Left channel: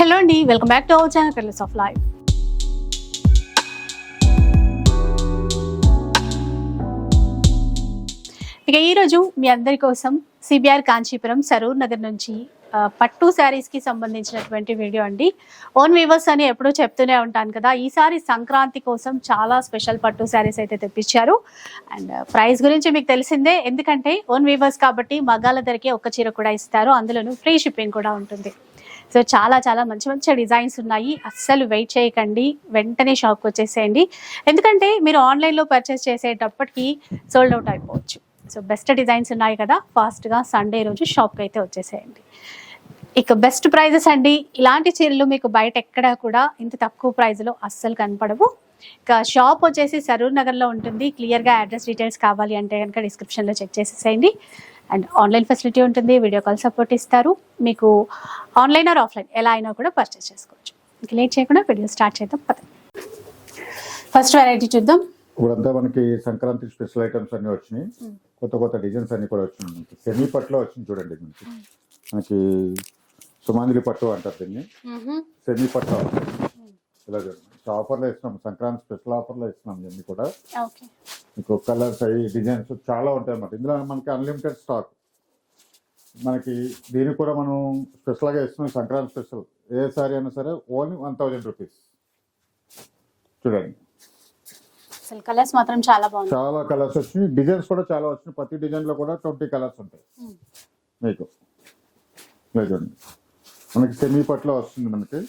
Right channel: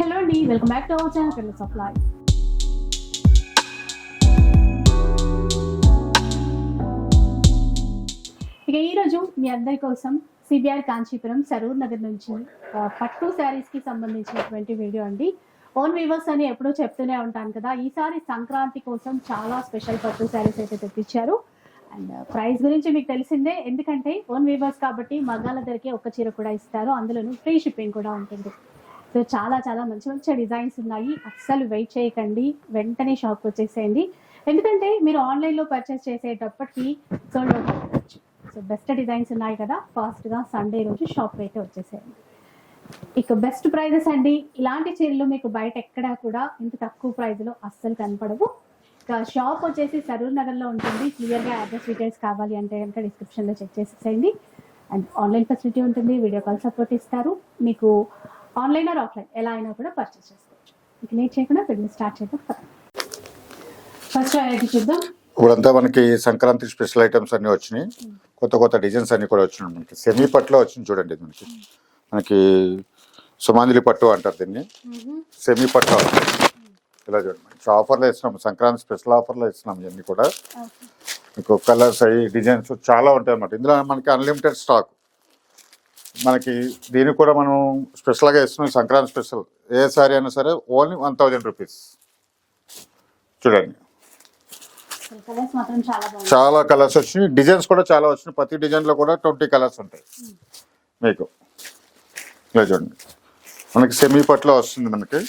Hello అండి, welcome back to our channel colours of life. ఇక ఈరోజు మీ అందరి కోసం సిబిఆర్ కాంచీపురం సరూర్ నగర్ నుంచి పట్టు శారీస్కి సంబంధించినటువంటి వీడియో అండి. ఓన్ వీవర్స్ అని ఎప్పుడూ చెప్తూనే ఉంటాను కదా, ఈసారి సంక్రాంతి కోసం చాలా స్పెషల్ పట్టు శారీస్ అయితే తెప్పించారు. అండ్ ప్రైస్ గురించి మీకు తెలిసిందే, ఎందుకంటే ఓన్ వీవర్స్ కాబట్టి మగాల ధరకే ఒక్క చీర కూడా ఇస్తారు, అందులోనూ ఫ్రీ షిప్పింగ్ కూడా ఉంటుంది. సో చాలా చాలా మంచి మంచి డిజైన్స్ ఉన్నాయి. అస్సలు వెయిట్ చేయకండి, వెంటనే షాప్కి వచ్చేసేయండి. ఎందుకంటే మీరు ఆన్లైన్లో పర్చేస్ చేసేటప్పటికి సోల్డ్ అవుట్ అయిపోవచ్చు. సో బెస్ట్ డిజైన్స్ ఉన్నాయి కదా, ఫాస్ట్గా సండే రోజు షాప్కి అయితే వచ్చేసేయండి. ఇక బెస్ట్ ప్రైజెస్ అండి. ఇలాంటి చీరలు మీకు బయట ఎక్కడా కూడా ఇంత తక్కువ ప్రైజ్లో అస్సలు కనపడవు. ఇక షాప్ వచ్చేసి సరూర్ నగర్లో ఉంటుంది. క్లియర్గా అడ్రస్ డీటెయిల్స్ కావాలి అంటే కనుక డిస్క్రిప్షన్లో చెక్ చేసేసేయండి. అండ్ ఆన్లైన్ ఫెసిలిటీ ఉంటుంది, వీడియో కాల్ సపోర్ట్ ఇస్తారు. మీకు ఆన్లైన్ ఆర్ ఆఫ్లైన్ ఎలా అయినా కూడా పర్చేస్ చేసుకోవచ్చు. ఇంక లేట్ చేయకుండా వీడియో స్టార్ట్ చేద్దాం. ఫస్ట్ వెరైటీ చూద్దాం. ఇప్పుడంతా మనకి సంక్రాంతి స్పెషల్ ఐటమ్స్ అన్ని వచ్చినాయి, కొత్త కొత్త డిజైన్స్ అన్ని కూడా వచ్చినాయి. మనకి సెమీ పట్టులో వచ్చింది చూడండి. మనకి సుమాంజలి పట్టు అంటారు దీన్ని, సెమీ పట్టు ఇలా చూడండి. మంచి ఆఫర్లో ఇస్తున్నాం, సంక్రాంతి స్పెషల్ ఆఫర్లో ఇస్తున్నాం. ఇవన్నీ కూడా మీకు కలర్స్ అయ్యి డిజైన్స్ చాలా ఉంటాయి అన్నమాట. ఇందులో మనకి అన్లిమిటెడ్ స్టాక్. మనకి దీనికి కూడా మనం స్పెషల్గా ఇస్తున్నాం, సంక్రాంతి స్పెషల్. ఏ సారీ అయినా సరే ఓన్లీ 1000 రూపీస్. చూడండి, కలర్స్ మాత్రం చాలా బాగుంది. చాలా కలర్స్ వచ్చినాయి, డిజైన్స్ కూడా చాలా వచ్చినాయి. ప్రతి డిజైన్లో కూడా 20 కలర్స్ ఉంటాయి మీకు. ఇలా చూడండి, మనకి సెమీ పట్లో వస్తుంది. మనకి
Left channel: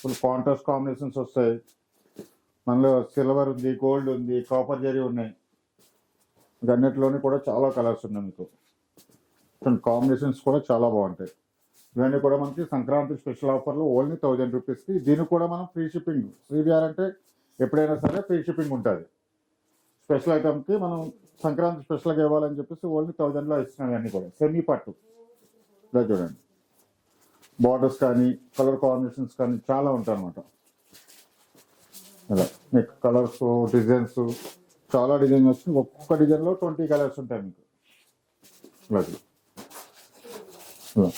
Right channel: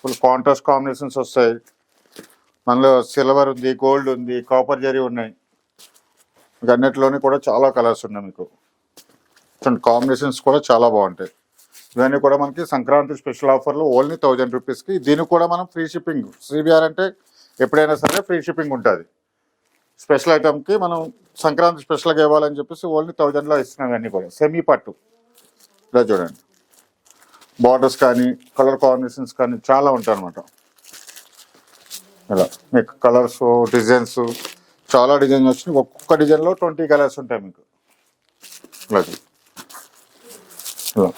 ఫుల్ కాంట్రాస్ట్ కాంబినేషన్స్ వస్తాయి. మనలో సిల్వర్ ఉంది, గోల్డ్ ఉంది, కాపర్ జరీ ఉన్నాయి. మీకు అన్నిటిలోని కూడా చాలా కలర్స్ ఉన్నాయి. మీకు కాంబినేషన్స్ కూడా చాలా బాగుంటాయి. ఇవన్నీ కూడా మనకి సంక్రాంతి స్పెషల్ ఆఫర్లో ఓన్లీ 1000 రూపీస్కి. దీనికి కూడా మనం ఫ్రీ షిప్పింగ్. సిబిఆర్ అంటే ఎప్పుడైనా సరే ఫ్రీ షిప్పింగ్ ఉంటుంది. స్పెషల్ ఐటమ్కి మనం సంక్రాంతి స్పెషల్గా ఇవ్వాలని చెప్పేసి ఓన్లీ 1000లో ఇస్తున్నాం. ఇవన్నీ కూడా సెమీ పట్టు. ఇలా చూడండి, బార్డర్స్ కానీ కలర్ కాంబినేషన్స్ కానీ చాలా ఉంటాయి అన్నమాట. ఇలా మీకు కలర్స్ డిజైన్స్ చాలా డిజైన్స్ వచ్చినాయి. ఒక్కొక్క డిజైన్లో 20 కలర్స్ ఉంటాయి మీకు. ఇలా ఇలా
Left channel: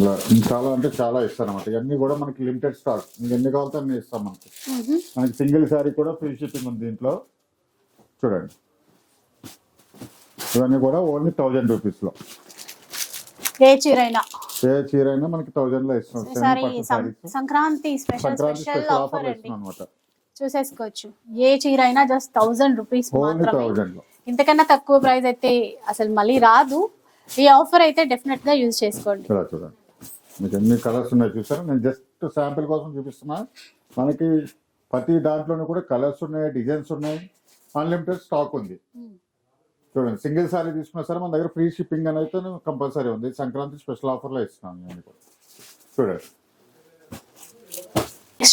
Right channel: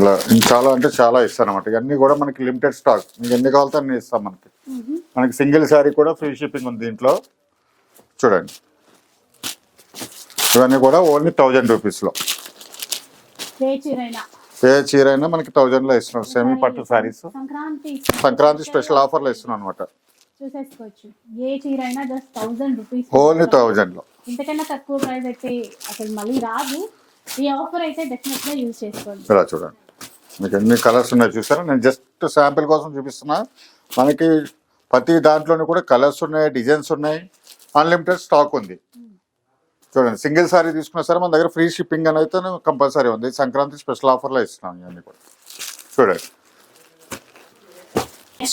ఇలా చాలా అంటే చాలా ఇస్తాను అనమాట. ఇవన్నీ కూడా మనకి లిమిటెడ్ స్టాక్. మీకు ఎన్ని కావాలితే అన్ని ఇస్తాం. మనకి సింగిల్ శారీ కూడా ఫ్రీ షిప్పింగ్ ఉంది దీంట్లో. చూడండి, ఇవన్నీ కూడా ఓన్లీ 1000 రూపీస్లో. ఏ చీర అయినా మనకి 1000లో ఇస్తున్నాం. సెమీ పట్టు శారీస్ సంక్రాంతి స్పెషల్ ఆఫర్లో ఇస్తున్నాం అనమాట. చూసేసుకోవచ్చు. ఏ చీర అయినా జస్ట్ 1000 రూపీస్, ఓన్లీ 1000లో. ఇంతకన్నా తక్కువ ప్రైస్ అయితే అసలు మళ్ళీ రాదు. ఈ ఆఫర్ అయితే డెఫినెట్ గా యూజ్ చేసుకోండి. ఇలా చూడండి, మీకు ఎన్ని కలర్స్ ఉన్నాయి చూసారా. నేను జస్ట్ శాంపిల్ కోసం చూపిస్తున్నా. మనకి ప్రతి దాంట్లోనే కూడా కలర్స్ ఉన్నాయి, డిజైన్స్ ఉన్నాయి, అన్లిమిటెడ్ స్టాక్ ఉంది. చూడండి, సింగిల్ సారీ తీసుకున్నా సరే మన దగ్గర ఫ్రీ షిప్పింగ్ అని అయితే కంపల్సరీ ఉంది. సంక్రాంతి స్పెషల్ ఆఫర్లో ఇస్తున్నాం ఇవన్నీ కూడా. చూడండి,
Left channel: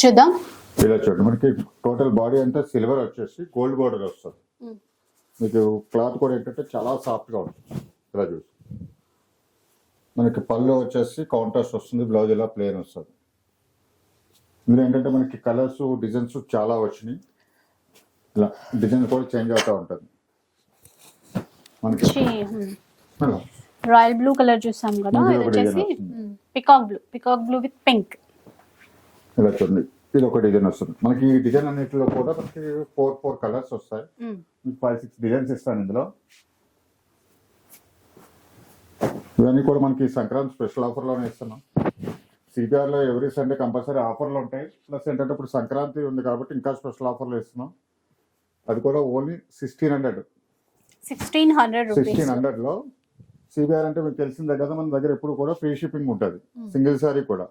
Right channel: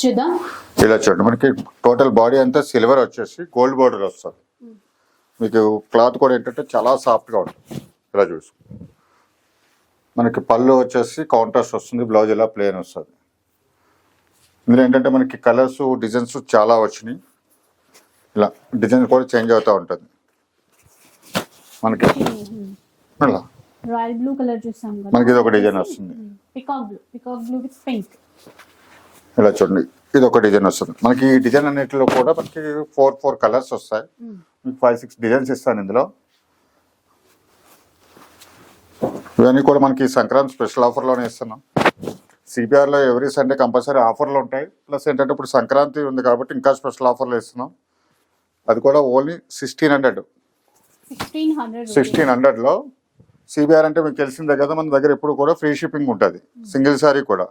చూద్దాం. ఇలా చూడండి, మనకి టోటల్ బాడీ అంతా సిల్వర్ వచ్చేసి గోల్డ్ బోర్డర్ వస్తుంది. మీకు క్లాత్ కూడా ఏంటంటే చాలా సాఫ్ట్గా ఉంటుంది. ఇలా చూసి మనకి పళ్ళు వచ్చేసి కాంట్రాస్ట్ వస్తుంది, బ్లౌజ్ ఇలా ప్లెయిన్ వస్తుంది. ఇందులో ఏంటంటే మనకి కలర్స్ డిజైన్స్ చాలా వచ్చినాయి. ఇలా డిజైన్ కూడా చేంజ్ అవుతూ ఉంటుంది. మనకి రాయల్ బ్లూ కలర్ చూసాం కదా, మనకి ఇది ఒక డిజైన్ వస్తుంది. Peacock blue with pink. ఇలా చూడండి, ఇది ఒక డిజైన్ వస్తుంది. మనకి ఈ డిజైన్ అన్నిటిలో కూడా మనకి 4 కలర్స్ వస్తాయి. మీకు 5-6 డిజైన్స్ ఇస్తాను ఇందులో. ఇవన్నీ కూడా మనకి సంక్రాంతి స్పెషల్ ఆఫర్లోనే ఇస్తున్నాం. సిబిఆర్లో ఎవ్రీ సండే కంపల్సరీ ఆఫర్లు ఉంటాయి. ప్లస్ ఏంటంటే ఇప్పుడు సంక్రాంతి ఉంది కాబట్టి ఇంకా స్పెషల్ ఆఫర్లో ఇస్తున్నాం. అది కూడా ఓన్లీ 1600లో. సిబిఆర్ అంటే మీకు తెలిసిందే కదా, మన దగ్గర ఎప్పుడు కూడా ఫ్రీ షిప్పింగ్ ఉంటుంది. సింగిల్ సారీ కూడా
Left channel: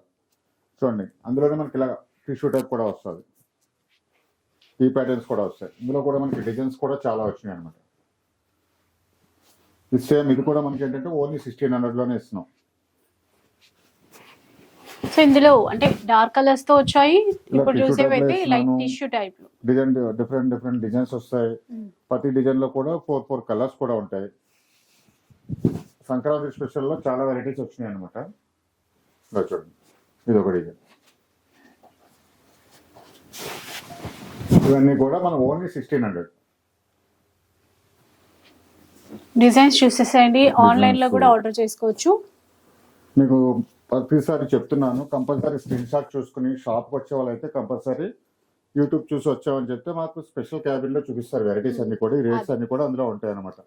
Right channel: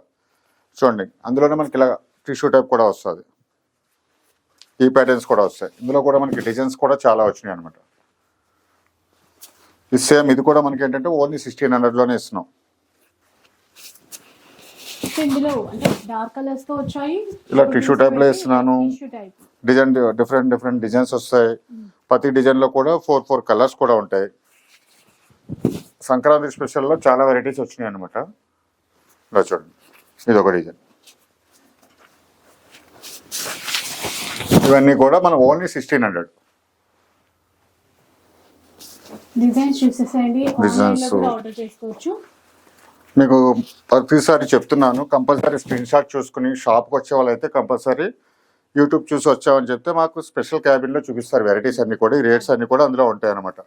చూడండి, అందులోనే మనకి ఇలా టిష్యూ టైప్ కూడా వస్తుంది. ఈ ప్యాటర్న్స్ కూడా వస్తాయి. ఇందులో కూడా మనకి డిజైన్స్ కూడా చాలా వచ్చినాయి అనమాట. ఇది సేమ్, ఇది కూడా మనకి ఏంటంటే ఓన్లీ 1600లోనే ఇస్తున్నాం. ఇందులో అంటే డార్క్ కలర్స్ తో వచ్చాయి. ఇలా టిష్యూ టైప్ లో ఇస్తున్నాను. డిజైన్ డిఫరెంట్ డిజైన్స్ వస్తాయి. ప్రతి డిజైన్ లో కూడా 4 కలర్స్ కూడా ఉంటాయి. సంక్రాంతి స్పెషల్లో చాలా వెరైటీస్ వచ్చినాయి అనమాట. ఇలా చూడండి, ఇది ఒక డిజైన్. ఇవన్నీ కూడా మనం ఓన్లీ 1600. డిజైన్స్ చూసేసేయండి, ఆన్లైన్ లో Designs. కూడా ఆర్డర్ చేసుకోవచ్చు. మీకు ప్రతిసారి చెప్తున్నాను, కంపల్సరీ స్క్రీన్ షాట్ చూసుకుని షాప్కి వచ్చే వాళ్ళైతే కంపల్సరీ యూట్యూబ్ చూసి వచ్చామని చెప్తే మాకు స్పెషల్ క్యాబిన్లో చూపిస్తారు వెరైటీస్ అన్ని కూడా, ఈ రేట్స్ అన్ని కూడా అందులో ఉంటాయి అనమాట.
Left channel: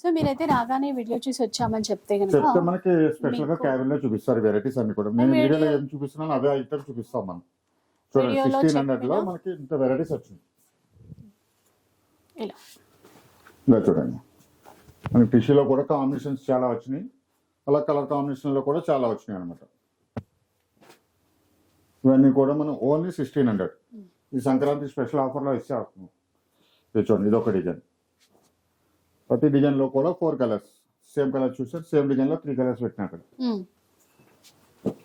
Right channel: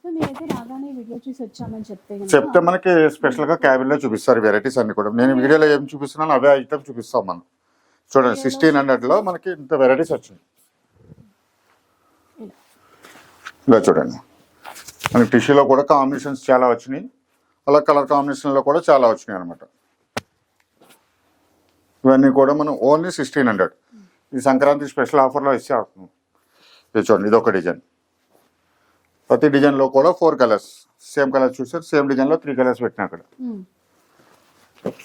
సో మీరైతే రాగానే వీడియో చూసి వచ్చామని చెప్తే చెప్తే కనుక మనకి స్పెషల్గా క్యాబిన్లో చూపిస్తారు వెరైటీస్ అన్ని కూడా. నేను వీడియోలో ఏం చూపిస్తున్నాను అవే ఐటమ్ చూపిస్తాం మనం. చూడండి, వీడియోలో 1600లో మనకి ఇంత వెరైటీస్ వచ్చింది. ఇలా ఇలా చూడండి, మనకి టిష్యూలో కూడా కాంబినేషన్స్ చాలా వచ్చినాయి, అలా కలర్ కాంబినేషన్లో కూడా చాలా వచ్చినాయి అనమాట. ఇవన్నీ కూడా మనం ఓన్లీ 1600. ఈ సంక్రాంతి స్పెషల్ ఆఫర్లో ఇచ్చే అవుతుంది. ఇది చూడండి, ఇది ఒక డిజైన్. ప్రతి డిజైన్లో కూడా 4 కలర్స్, సేమ్ కలర్ చూసారు, సేమ్ డిజైన్లో 3 కలర్స్ పెట్టినా అక్కడ.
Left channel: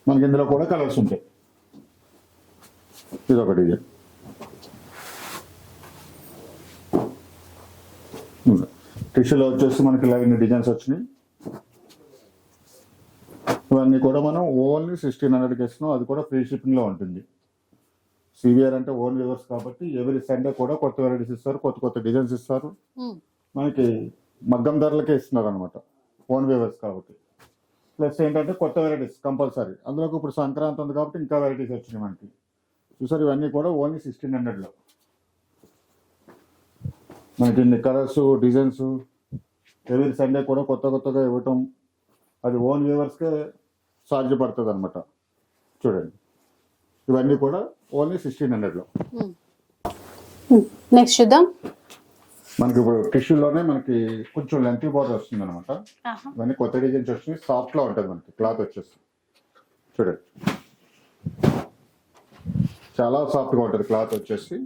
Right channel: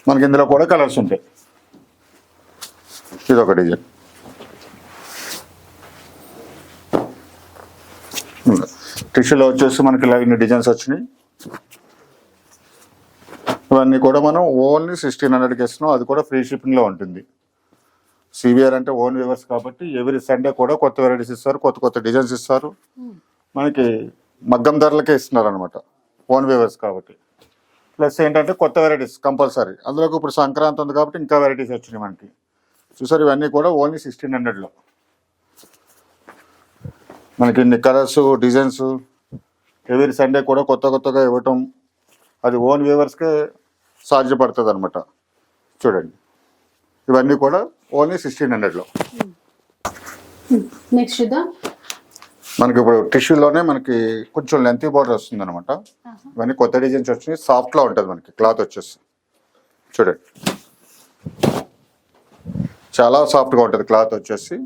మనకి ఇందులో కూడా కలర్స్ ఉంటాయి. ఇది ఒక డిజైన్. టిష్యూలో వచ్చేసి మనకి ఇలా ఇన్ని డిజైన్స్ వచ్చినాయి. ఇవన్నీ కూడా మనం ఓన్లీ 1600కి ఇస్తున్నాం, అది కూడా ఫ్రీ షిప్పింగ్లో ఉంటుంది. సివిఆర్ అంటే ఓన్ వ్యూవర్స్ కాబట్టి ఎవ్రీ సండే కూడా కొత్త వెరైటీస్ ఇస్తారు, కొత్త కొత్త డిజైన్స్ ఇస్తారు. మనకి మగ్గం ధరలకే ఇస్తున్నారు అనమాట, ఓన్ వ్యూవర్స్ కాబట్టి. ప్లస్ ఏంటంటే కొత్త వెరైటీస్ కంపల్సరీ, అందులోకి ఇప్పుడు సంక్రాంతి ఉంది కాబట్టి ఇంకా వెరైటీస్ వచ్చినాయి మనకి. చూసారు, ఇవన్నీ కూడా ఓన్లీ 1600లో. మనకి ఇన్ని కలర్స్ డిజైన్స్ ఎవ్రీ సండే కూడా కొత్త కొత్తగా ఇవ్వటం, అది ఓన్ వ్యూవర్స్కే సాధ్యపడుతుంది అనమాట. చూడండి, ఇవన్నీ కూడా ఓన్లీ 1600లో. నెక్స్ట్ చూద్దాం. మనకి ఇప్పుడు టిష్యూలోనే మనకి కొంచెం లెంతీ బార్డర్ వస్తుంది అనమాట. ఇవన్నీ కొత్త డిజైన్స్ వచ్చినాయి, సాఫ్ట్లో ఉంటుంది మనకి క్లాత్ వచ్చేసి. చూడండి, చాలా సాఫ్ట్గా ఉంటుంది క్లాత్ వచ్చేసి.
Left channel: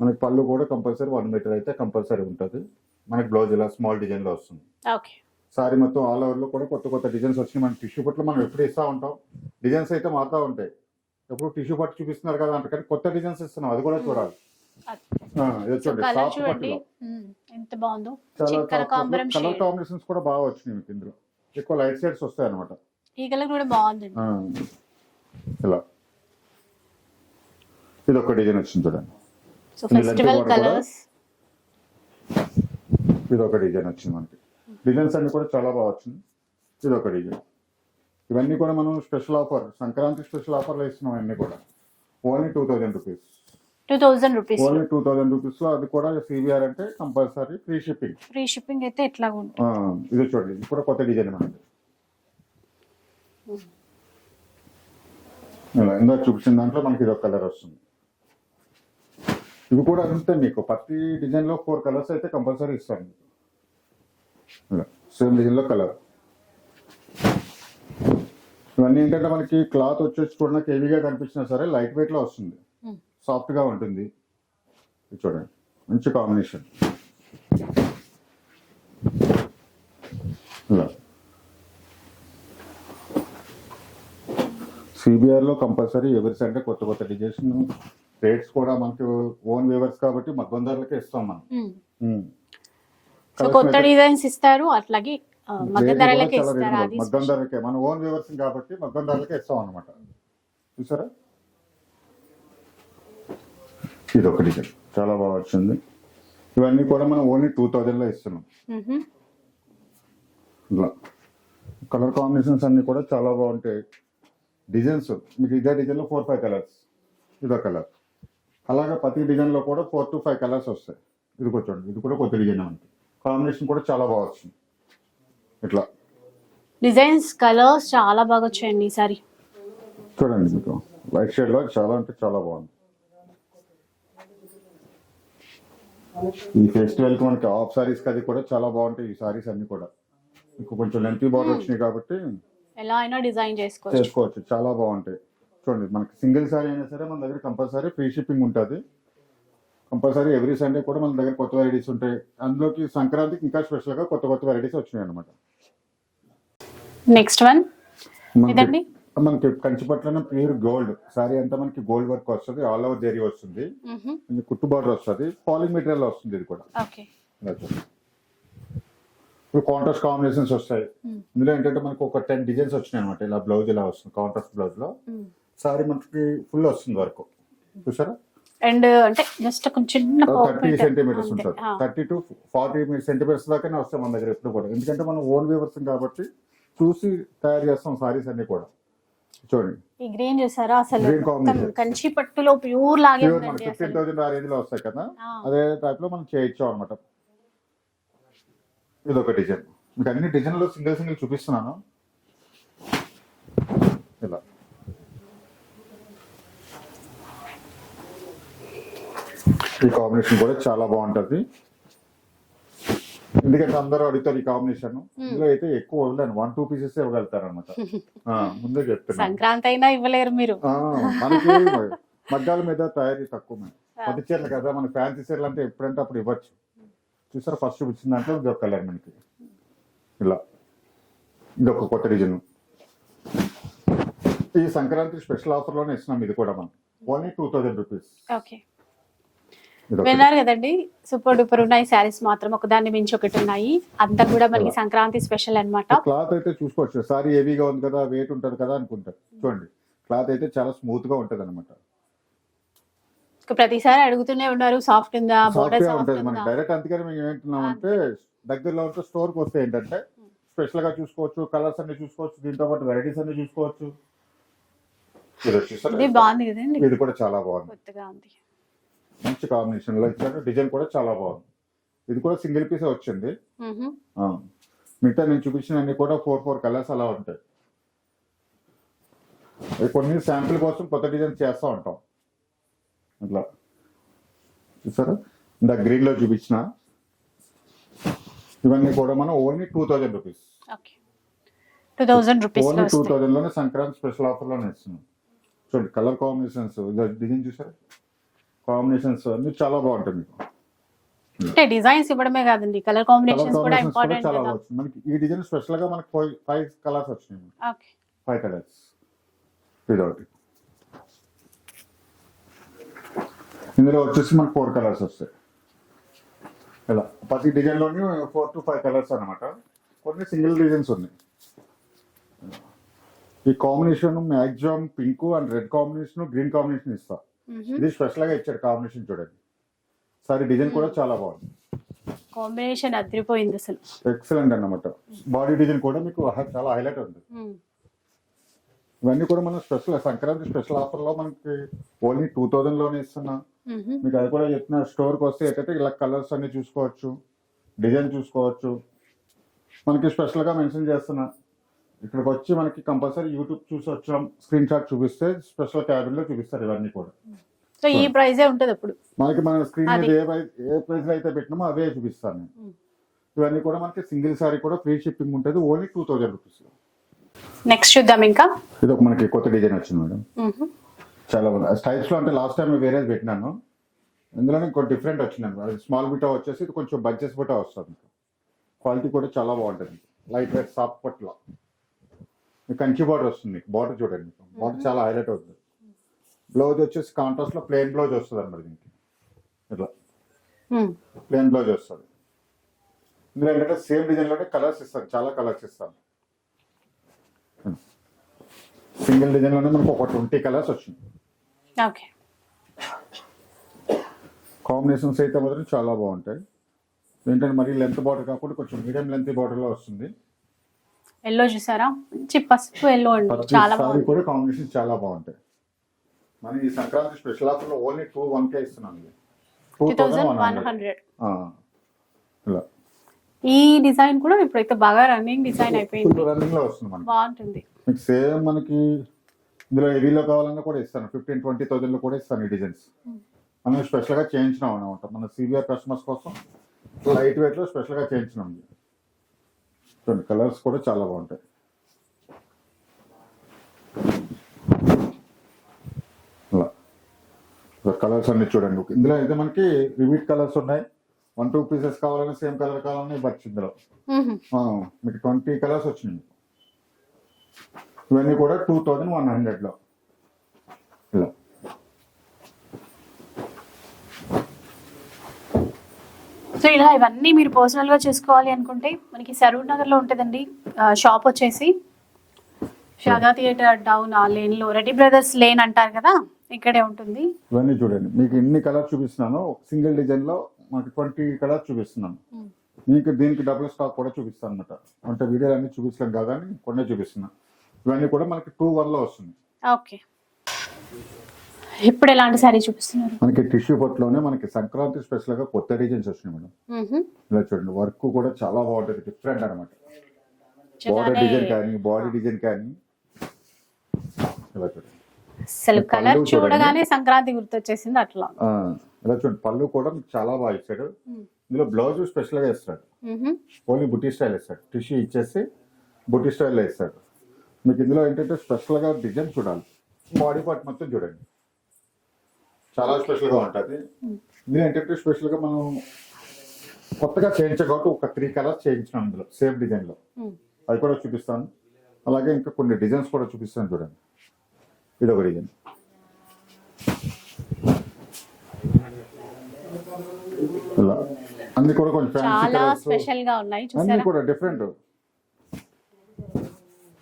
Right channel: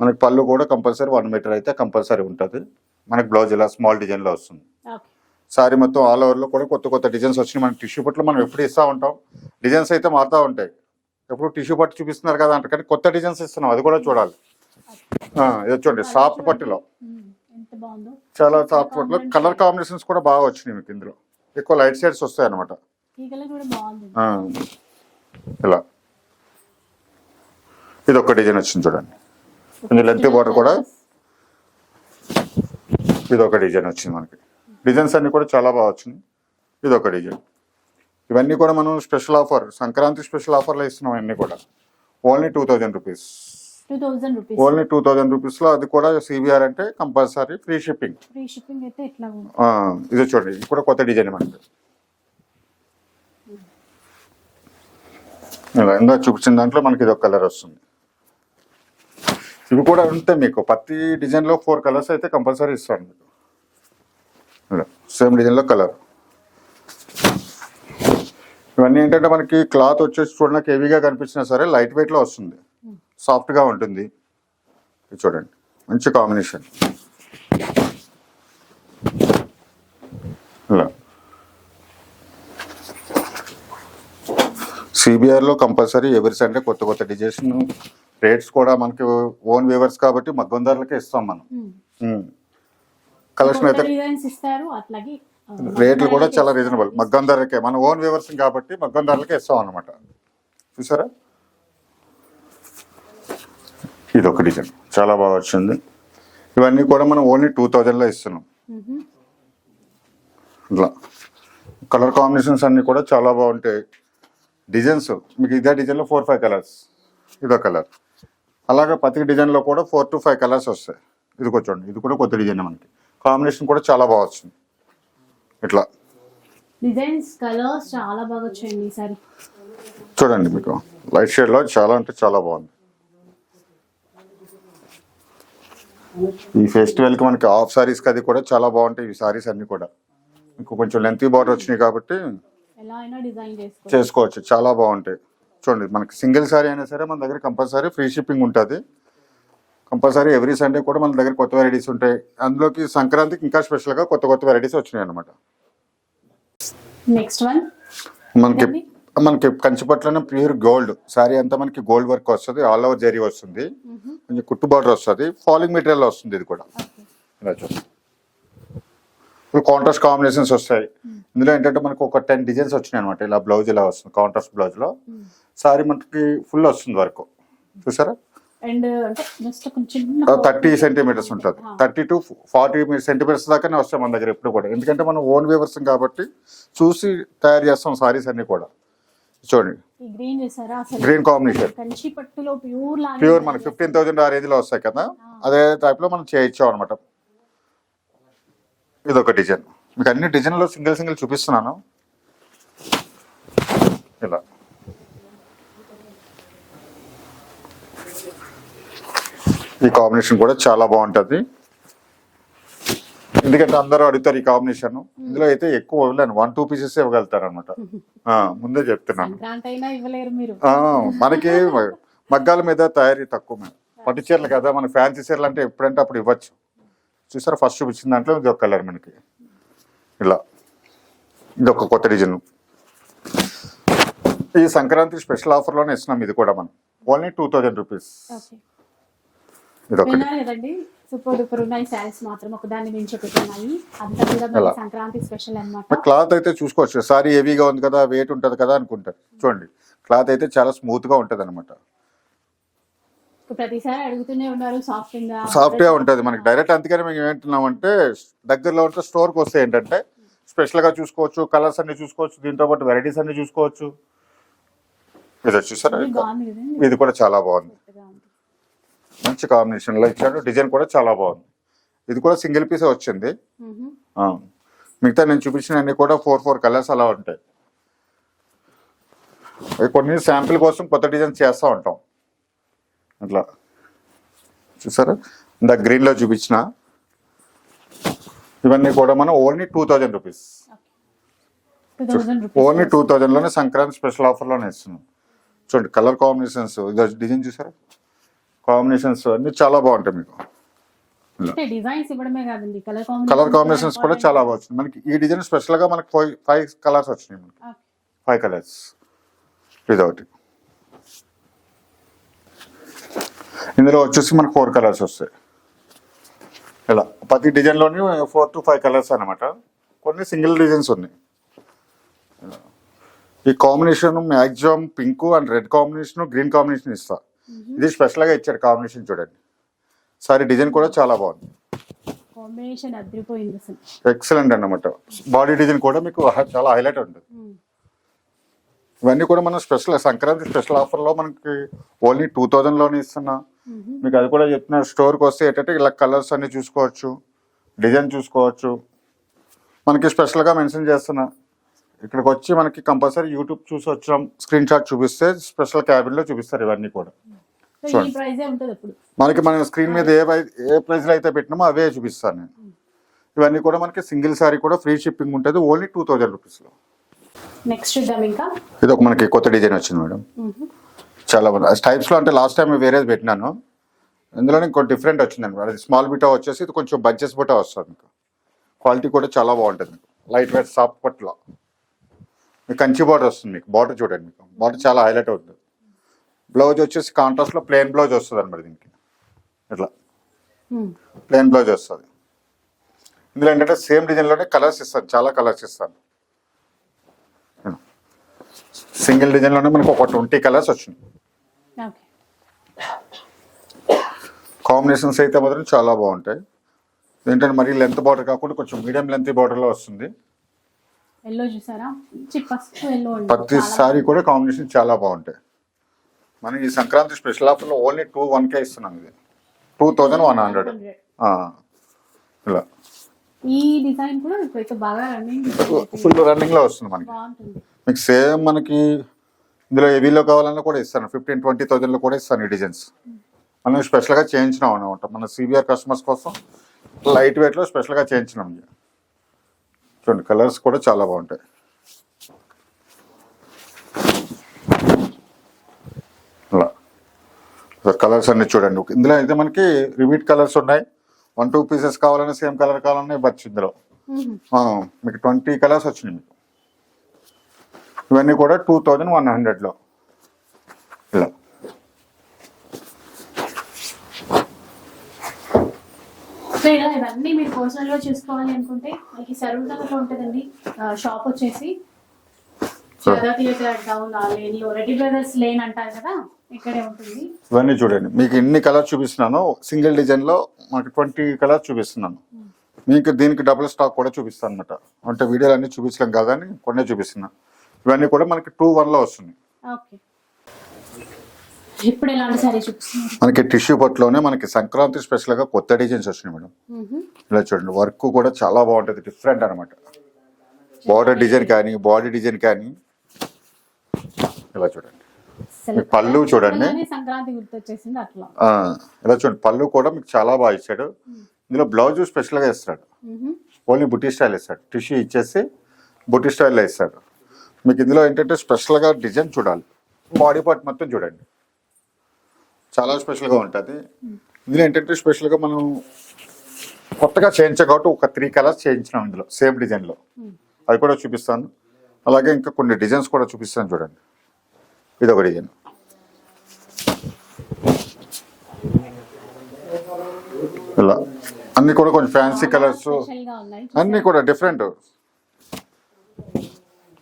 మనకి పళ్ళు కూడా కంపల్సరీ 1 మీటర్ అయితే కంపల్సరీ ఉంటుంది. మనకి బ్లౌజ్ ఇలా స్మాల్ డిజైన్లో వస్తుంది. ఓకే. సారీ మొత్తం ఆల్ ఓవర్లో కూడా కొత్త కొత్త డిజైన్స్ వచ్చినాయి. మనకి టిష్యూ పట్టులో మనం ఎప్పుడు ఇస్తూ ఉంటాం, డిజైన్స్ అయితే మారుతూ ఉంటాయి. ఎప్పుడు టిష్యూ పట్టు చూపిస్తున్నారు కదా అంటే, కానీ కొత్త డిజైన్స్ ఇస్తున్నాం, అది కూడా చూడాలి. ఇది చూడండి, సాఫ్ట్ పట్టులో ఎంత బాగుందో, చాలా సాఫ్ట్ పట్టులో కలర్ కాంబినేషన్స్ కూడా బాగా వచ్చినాయి మీకు. ఇందులో ఎక్కువ లైట్ షేడ్స్ వస్తాయి అనమాట. ఈ కలర్ కూడా బాగుంది. ఇలా ఇది ఒక డిజైన్ వచ్చింది చూడండి, లెంత్ బార్డర్ కూడా. ఇది ఒక డిజైన్ వచ్చింది మనకి. డిజైన్స్ అన్ని కూడా చాలా బాగా వచ్చినాయి. ఇది ఒక డిజైన్. ఇవన్నీ కూడా మనం స్పెషల్ ఆఫర్, సంక్రాంతి స్పెషల్ ఆఫర్లో ఇస్తున్నాం. అన్నీ కూడా ఓన్లీ 2000 రూపీస్. 2000 రూపీస్, ఓన్లీ 2000 రూపీస్లో, అది కూడా సివిఆర్ అంటే compulsory free shipping. Free shipping అయితే ఎట్లా ఉంది. ఇది చూడండి, ఇది కూడా కొత్త డిజైన్ మనకి. ఇలా ఇందా చూపించిన దాంట్లో మనకి ఇది ఒక కలర్ వస్తుంది. ఇవి కూడా ఉంటే మీకు ప్రతి డిజైన్లో 4 కలర్స్ అయితే కంపల్సరీ ఇస్తాను మీకు. ఇలా సేమ్ డిజైన్లో కలర్. ఇవన్నీ ఏంటంటే మనకి క్లాత్ వచ్చేసి చూడడానికి హెవీగా కనిపించినా సరే లైట్ వెయిట్లో వస్తుంది, సాఫ్ట్గా ఉంటుంది. ఇది చూడండి, మంచి కాంబినేషన్. ఇలా సిబిఆర్లో కంపల్సరీ ఎవ్రీ సండే కొత్త కొత్త డిజైన్స్. రేట్స్ కూడా మనకి ఓన్ వ్యూవర్స్ కాబట్టి మగ్గం ధరలకే ఇస్తాం మనం. కలెక్షన్ అయితే డిజైన్స్ ఇస్తారు, అట్లాగే రేట్లు కూడా చాలా రీజనబుల్. మగ్గం ధరలకే, మన ఓన్ వ్యూవర్స్ కాబట్టి మగ్గం ధరలకే ఇస్తాం అనమాట. చూసారా, ఇది ఒక డిజైన్ చాలా బాగా వచ్చింది. ఇవన్నీ కూడా మనం ఓన్లీ 2000లో ఇస్తున్నాం. ఇట్లా కలర్ కాంబినేషన్స్ అన్ని కూడా చాలా బాగుంటాయి. డిజైన్స్ మీకు ఇదే డిజైన్లో 4-5 కలర్స్, ఇదో కలర్. అలాగే ప్రతి డిజైన్లో కూడా 4 to 5 కలర్స్ వస్తాయి. ఇది చూడండి, ఇది కూడా కొత్త డిజైన్ మనకి. కాంబినేషన్ కూడా చాలా బాగా వచ్చింది. ఇట్లా డిజైన్స్ కలర్స్ చాలా బాగా వచ్చాయండి ఈసారి. చూడండి, మీకు లైట్ షేడ్లో చాలా అంటే చాలా బాగుంది. ఈ ఫెస్టివల్కి మనకి హాఫ్ సారీస్కి అది కూడా చాలా బాగుంటాయి. ఈ సారీస్ అన్ని కూడా మీకు కొంచెం లెంతీ బార్డర్ వచ్చినాయి కాబట్టి ఎలా అయినా డిజైన్ చేసుకోవచ్చు, చాలా బాగుంటాయి. చూడండి, మనకి సింగిల్ సారీ అయినా సరే మన దగ్గర కంపల్సరీ ఫ్రీ షిప్పింగ్ ఉంటుంది. కంపల్సరీ ఎవ్రీ సండే కూడా మన దగ్గర కొత్త వెరైటీస్ ఉంటాయి. అందులోకి సంక్రాంతికి ఇంకా స్పెషల్గా కొత్త కొత్త వెరైటీస్ వచ్చినాయి అనమాట. నెక్స్ట్ వన్ మనకి కంచిపట్లోనే ప్యూర్ గోల్డ్ సారీ అంతా మనకి గోల్డ్ వర్క్ వస్తుంది, ఆల్ ఓవర్ జరీ వస్తుంది, కొంచెం కుట్టు బార్డర్ వస్తుంది, ఫాలింగ్ మెటీరియల్ వస్తుంది. ఇది కూడా ఇలా చూడండి, ఇప్పుడు కాంట్రాస్ట్ కాంబినేషన్స్ వస్తాయి. ఇందులో ఏంటంటే మనకు ఒక 10 డిజైన్స్ వచ్చినాయి అనమాట. ఇలా బ్లౌజ్ ఇలా వస్తుంది, కాంట్రాస్ట్ బ్లౌజ్ లో సారీ మనకి ఫుల్ వస్తుంది వర్క్. చూసారా, అండ్ అంటే జస్ట్ కొంచెం చిన్న 30 సెంటీమీటర్స్ ఉంటుంది. 30 to 40 సెంటీమీటర్స్ దాకానే వస్తాయి మన దగ్గర ఎప్పుడు కూడా. ఎందుకంటే మనం ఓన్ వీవర్స్ కాబట్టి చూసి తయారు చేస్తాం సారీస్ అన్ని కూడా. చూడండి ఈ గ్రీన్ చూసారా అసలు గ్రీన్ కాంబినేషన్ కంచి పట్టులో ప్యూర్ లాగే ప్యూర్ మనకి 15,000 ఆ రేంజ్ లో వస్తాయి కదా, అదే టైప్ లో మనం చేయించాం అనమాట. ఇది ఒక డిజైన్. మీకు అన్ని డిజైన్లో సింగిల్ సింగిల్ చూపిస్తున్నాను. ఇలా ఈ కాంబినేషన్ కూడా చాలా బాగుంటది. ఎందుకంటే అందరూ అడుగుతారు ఈ కాంబినేషన్. ఇందులో అయితే ఎక్కువ వదలను, 1-2 పీసెస్ ఇవ్వగలుగుతారు అనమాట. ముందే చెప్తున్నాను. సంక్రాంతి అయినా ఇవ్వలేరు మీరు. మనకి మగ్గాల మీద తయారీ తక్కువ. పట్టు చీరలు కదా, మన ఫ్యాన్సీ చీరలు అంటే ఎప్పుడంటే అప్పుడు ఇవ్వచ్చు. చూసారా ఫస్ట్ చూపించిన దాంట్లో ఇది ఒక కలర్ మనకి. ఇలా ఇది ఒక కొత్త డిజైన్. ఈ సంక్రాంతి స్పెషల్ ఆఫర్లోనే ఇస్తున్నాం. ఇది కూడా మనం ఓన్లీ 2,000 రూపీస్. ఓకే, విన్నారు కదండి. సూపర్ డూపర్ ఉన్నాయి శారీస్ మాత్రం, ఒకదాన్ని మించి ఒకటి ఉన్నాయి. అంతా కూడా మనకి సంక్రాంతి స్పెషల్ అన్నమాట. క్లాత్ అయితే చూసుకోవచ్చు. సారీ హెవీగా ఉంది కదా, వెయిట్ ఉంటది కదా అనుకుంటారు. చూడండి క్లాత్ అయితే చాలా స్మూత్ గా ఉంటది అనమాట. ప్రతిసారి అడుగుతూనే ఉన్నారు సాఫ్ట్ ఉందా, సాఫ్ట్ గా ఉంటది మనకి డైరెక్ట్. అందుకని మేము ఏమంటున్నామంటే దగ్గరలో ఉంటే స్టోర్ కి వస్తే ఏంటంటే స్పెషల్ గా చూసుకోవచ్చు, కలర్స్ అన్ని చూసుకోవచ్చు, దీంతో పాటు వెరైటీస్ అన్ని చూసుకోవచ్చు. ఇది చూసారా, బాగుంది కదండి. ఇది కూడా చాలా బాగుంది, మంచి కాంబినేషన్ లో ఇచ్చాడు. డిజైన్ కూడా చాలా బాగుంది. ఇది కూడా సింగిల్ పీస్ వచ్చింది. మిగతా నేను చూపించిన అన్ని కూడా 4 కలర్స్ అలా ఉంటాయి. కొన్ని శాంపిల్ కోసం కొత్త డిజైన్ చేస్తూ ఉంటాం. అట్లా చూసారా, ఇంత గ్రీన్ లో చూపించిన ఇవన్నీ కూడా మనం ఓన్లీ 2,000 రూపీస్. ఓన్లీ 2,000 లోనే సంక్రాంతి స్పెషల్ ఆఫర్ లోనే ఇస్తున్నాం. చూడండి కలర్ కాంబినేషన్స్, డిజైన్ చూసారా, కాంబినేషన్స్ అన్ని చాలా బాగుంటాయి. మీకు డిజైన్స్ ఇవ్వడమే కాదండి, కలర్ కాంబినేషన్స్ కూడా చాలా బాగుంది. మనకి ఈ డిజైన్ స్పెషల్ గా మనకి 5 కలర్స్ వచ్చినాయి. 5 కలర్స్. ఇదొకటి. ఇందులో వచ్చేసి మనకు 4 కలర్స్ వస్తాయి. ఇలా ప్రతి డిజైన్ లోని 4 to 5 కలర్స్ అనమాట. కొన్ని సింగిల్ డిజైన్స్ ఉన్నాయి. ఈ combination maximum pink and red combination, green combination ఇస్తా. ఇది స్పెషల్ గా ఇచ్చాడు కాంబినేషన్. చూడండి సారీ డిజైన్ కూడా చాలా బాగుంది. కాంబినేషన్ అదిరిపోయింది అసలు, ఎక్సలెంట్ అన్నమాట. బాడీ డిజైన్ కూడా మీకు చాలా హైలైట్ ఉంటుంది. ఇవన్నీ కూడా మనం స్పెషల్ సంక్రాంతి స్పెషల్ ఆఫర్ లో మనకి ఓన్లీ 2,000 లోనే ఇస్తున్నా. మీకు అది కూడా చెప్తున్నా, స్టోర్ కి వస్తే ఏంటంటే ఇలా కలర్స్ అన్ని చూసుకోవచ్చు, డిజైన్ చూసుకోవచ్చు. మనకి స్పెషల్ గా మెన్షన్ చేస్తున్నా, ఇక్కడికి వచ్చి మనకి కంపల్సరీ యూట్యూబ్ చూసి వచ్చాం స్క్రీన్ షాట్ చూపిస్తే స్పెషల్ క్యాబిన్ లో చూపిస్తారు ఇవన్నీ కూడా. ఈ ప్రైజే ఉంటుంది అప్పుడు మనకి మన స్క్రీన్ మీద ఏ ప్రైస్ లో అయితే పెట్టినామో అవే చూపిస్తాను నేను. ఇవన్నీ కూడా మనకి సింగిల్ సారీ కూడా ఫ్రీ షిప్పింగ్ ఉంటుంది ఓన్లీ 2,000 రూపీస్ లో. నెక్స్ట్ చూద్దాం. ఇంకా ఇది ఒక మనకి కొత్త డిజైన్ వచ్చింది మేడం, చాలా బాగుంది. టైప్స్ లో అంటే లాస్ట్ టైం వేరేది పెట్టినాను, ఇందులో ఇంకో డిఫరెంట్ వచ్చిందండి. అది స్మాల్ బుటా వచ్చేసి ఇది కొంచెం బంచెస్ బుటా వస్తుంది. క్వాలిటీ కూడా చాలా బాగుంటుంది. లైట్ వెయిట్ సాఫ్ట్ పట్లో కంచి బార్డర్ వస్తుంది. మీకు బార్డర్ చూడండి, మీకు బార్డర్ చాలా హైలైట్ అవుతుంది. బ్లౌజ్ వచ్చేసి కాంట్రాస్ట్ లో ప్లెయిన్ బ్లౌజ్ వస్తుంది అనమాట. దీనికి ఇట్లా ప్లెయిన్ బ్లౌజ్ వస్తుంది. ఇందులో ఏంటంటే సేమ్ డిజైన్ లోనే కలర్స్ ఇస్తాను, చాలా కలర్స్ ఇస్తాను. సింగిల్ డిజైన్ లోనే మనకు ఒక 20 కలర్స్ వచ్చింది. కాంబినేషన్స్ అయితే మాత్రం చాలా బాగుంటాయి. ఏంటంటే మరి లెంత్ బార్డర్ కాకుండా కొంచెం మీడియం లెంత్ బార్డర్ లో వస్తుంది. ఎల్లో చూసారా, మంచి పసుపు ఎల్లో. ప్రతి సారీ కూడా కాంబినేషన్ చాలా బాగుంటాయి. మనం ఈ సంక్రాంతి స్పెషల్ ఆఫర్ లో ఓన్లీ 2,100 ఇస్తున్నాం. ఇది 2,100. ఇలా ఈ డిజైన్ కూడా ఇప్పుడైతే బాగా రన్నింగ్ డిజైన్ అయిపోయింది, ఫుల్ రన్నింగ్ లో వస్తుంది మనకి. బాగుంటుంది. మీకు సేమ్ మనకి ఇందులో హెవీలో కావాలన్నా కూడా ఇస్తాను, 15,000-20,000 లో కూడా ఇస్తాను ఈ డిజైన్స్. మనం స్పెషల్ గా చేయించినాం అనమాట మన సిబిఆర్ కస్టమర్స్ కోసం. లైట్ వెయిట్ లో స్పెషల్ గా చేయించినాం. చూడండి కలర్స్ కూడా చాలా బాగుంటాయి. అలా కలర్స్ అన్ని చూడండి. ఇందులో అయితే మనకి రిపీట్ కలర్స్ ఉన్నాయి. 1-2 పీసెస్ కావాలన్నా సేమ్ కలర్ కావాలన్నా ఇవ్వచ్చు. ఇందులో మీకు 20 కలర్స్ వచ్చినాయి. మీకు ఇవన్నీ కూడా 2,100 లో. ఇలా సో ఇలా ఇవన్నీ మీరు పర్సనల్ గా చూసుకోవాలి అనుకుంటే మనకి సరూర్ నగర్ లో ఉంటుందండి షాప్ వచ్చేసి. షాదా థియేటర్ టౌన్ ఆ లేన్ లో రెడ్డి బ్రదర్స్ లేన్ అంటారు కదా, ఇక్కడే ఉంటుంది. ఇవన్నీ చూడండి, మీకు ఎన్ని కలర్స్ చూపిస్తున్నానో సింగిల్ డిజైన్ లో మనకి 20 కలర్స్ చూపిస్తున్నాను. మీకు దీనికి డబుల్ స్టాక్ కూడా చూపిస్తాను అనమాట. అంటే వీడియోలు అన్ని చూపించలేం కదా అని కొన్ని చూపిస్తున్నా. ఇవన్నీ కూడా మనకి 2-1 లో వస్తుంది. ఓకే, ఇప్పుడు ఎలాంటి సారీ చూపిస్తున్నారు? మనకి టిష్యూ పట్టులోనే మనకి సంక్రాంతి స్పెషల్ గా కొత్త డిజైన్స్ వచ్చినాయి మేడం. ఇలా చూడండి, వర్క్ కూడా చాలా బాగుంటుంది, డిఫరెంట్ అనమాట. బార్డర్ డిజైన్ కానీ బాడీ డిజైన్ కానీ ఇలా చూడండి. అసలు పళ్ళు colour చూడండి. చూడగానే సంక్రాంతి గుర్తొచ్చేసింది అట్లా. ఇలా చూడండి, పళ్ళు కూడా మీకు చాలా బాగా ఇచ్చాడు. ఇందులో బ్లౌజ్ స్పెషల్ గా ఇస్తాడు, ఓన్లీ బుట్టి స్టైల్ ఇస్తాడు. టిష్యూ ఇచ్చేసి బుట్టి స్టైల్లో ఇస్తాడు. మీకు ఇందులో ఏంటంటే స్పెషల్ గా డిజైన్ చూడాలి, బాడీ పార్ట్ మొత్తం చూడండి, చాలా స్పెషల్ గా ఉంటుంది. ఇందులో ఏంటంటే స్పెషల్ గా మనం కొత్తగా చేయించాం కాబట్టి ఒక 3 కలర్స్ చేయించినాం ఇందులో సేమ్ డిజైన్ లో. అది కూడా చూపిస్తాను. అలాగే ఇంకా కొన్ని డిజైన్స్ కూడా చూపిస్తాను చూడండి. ఇది ఒక డిజైన్, ఇలా అన్ని కూడా కొంచెం ఫ్యాన్సీ కలర్స్, స్పెషల్ గా ఉన్నాయి. అన్ని కూడా డిఫరెంట్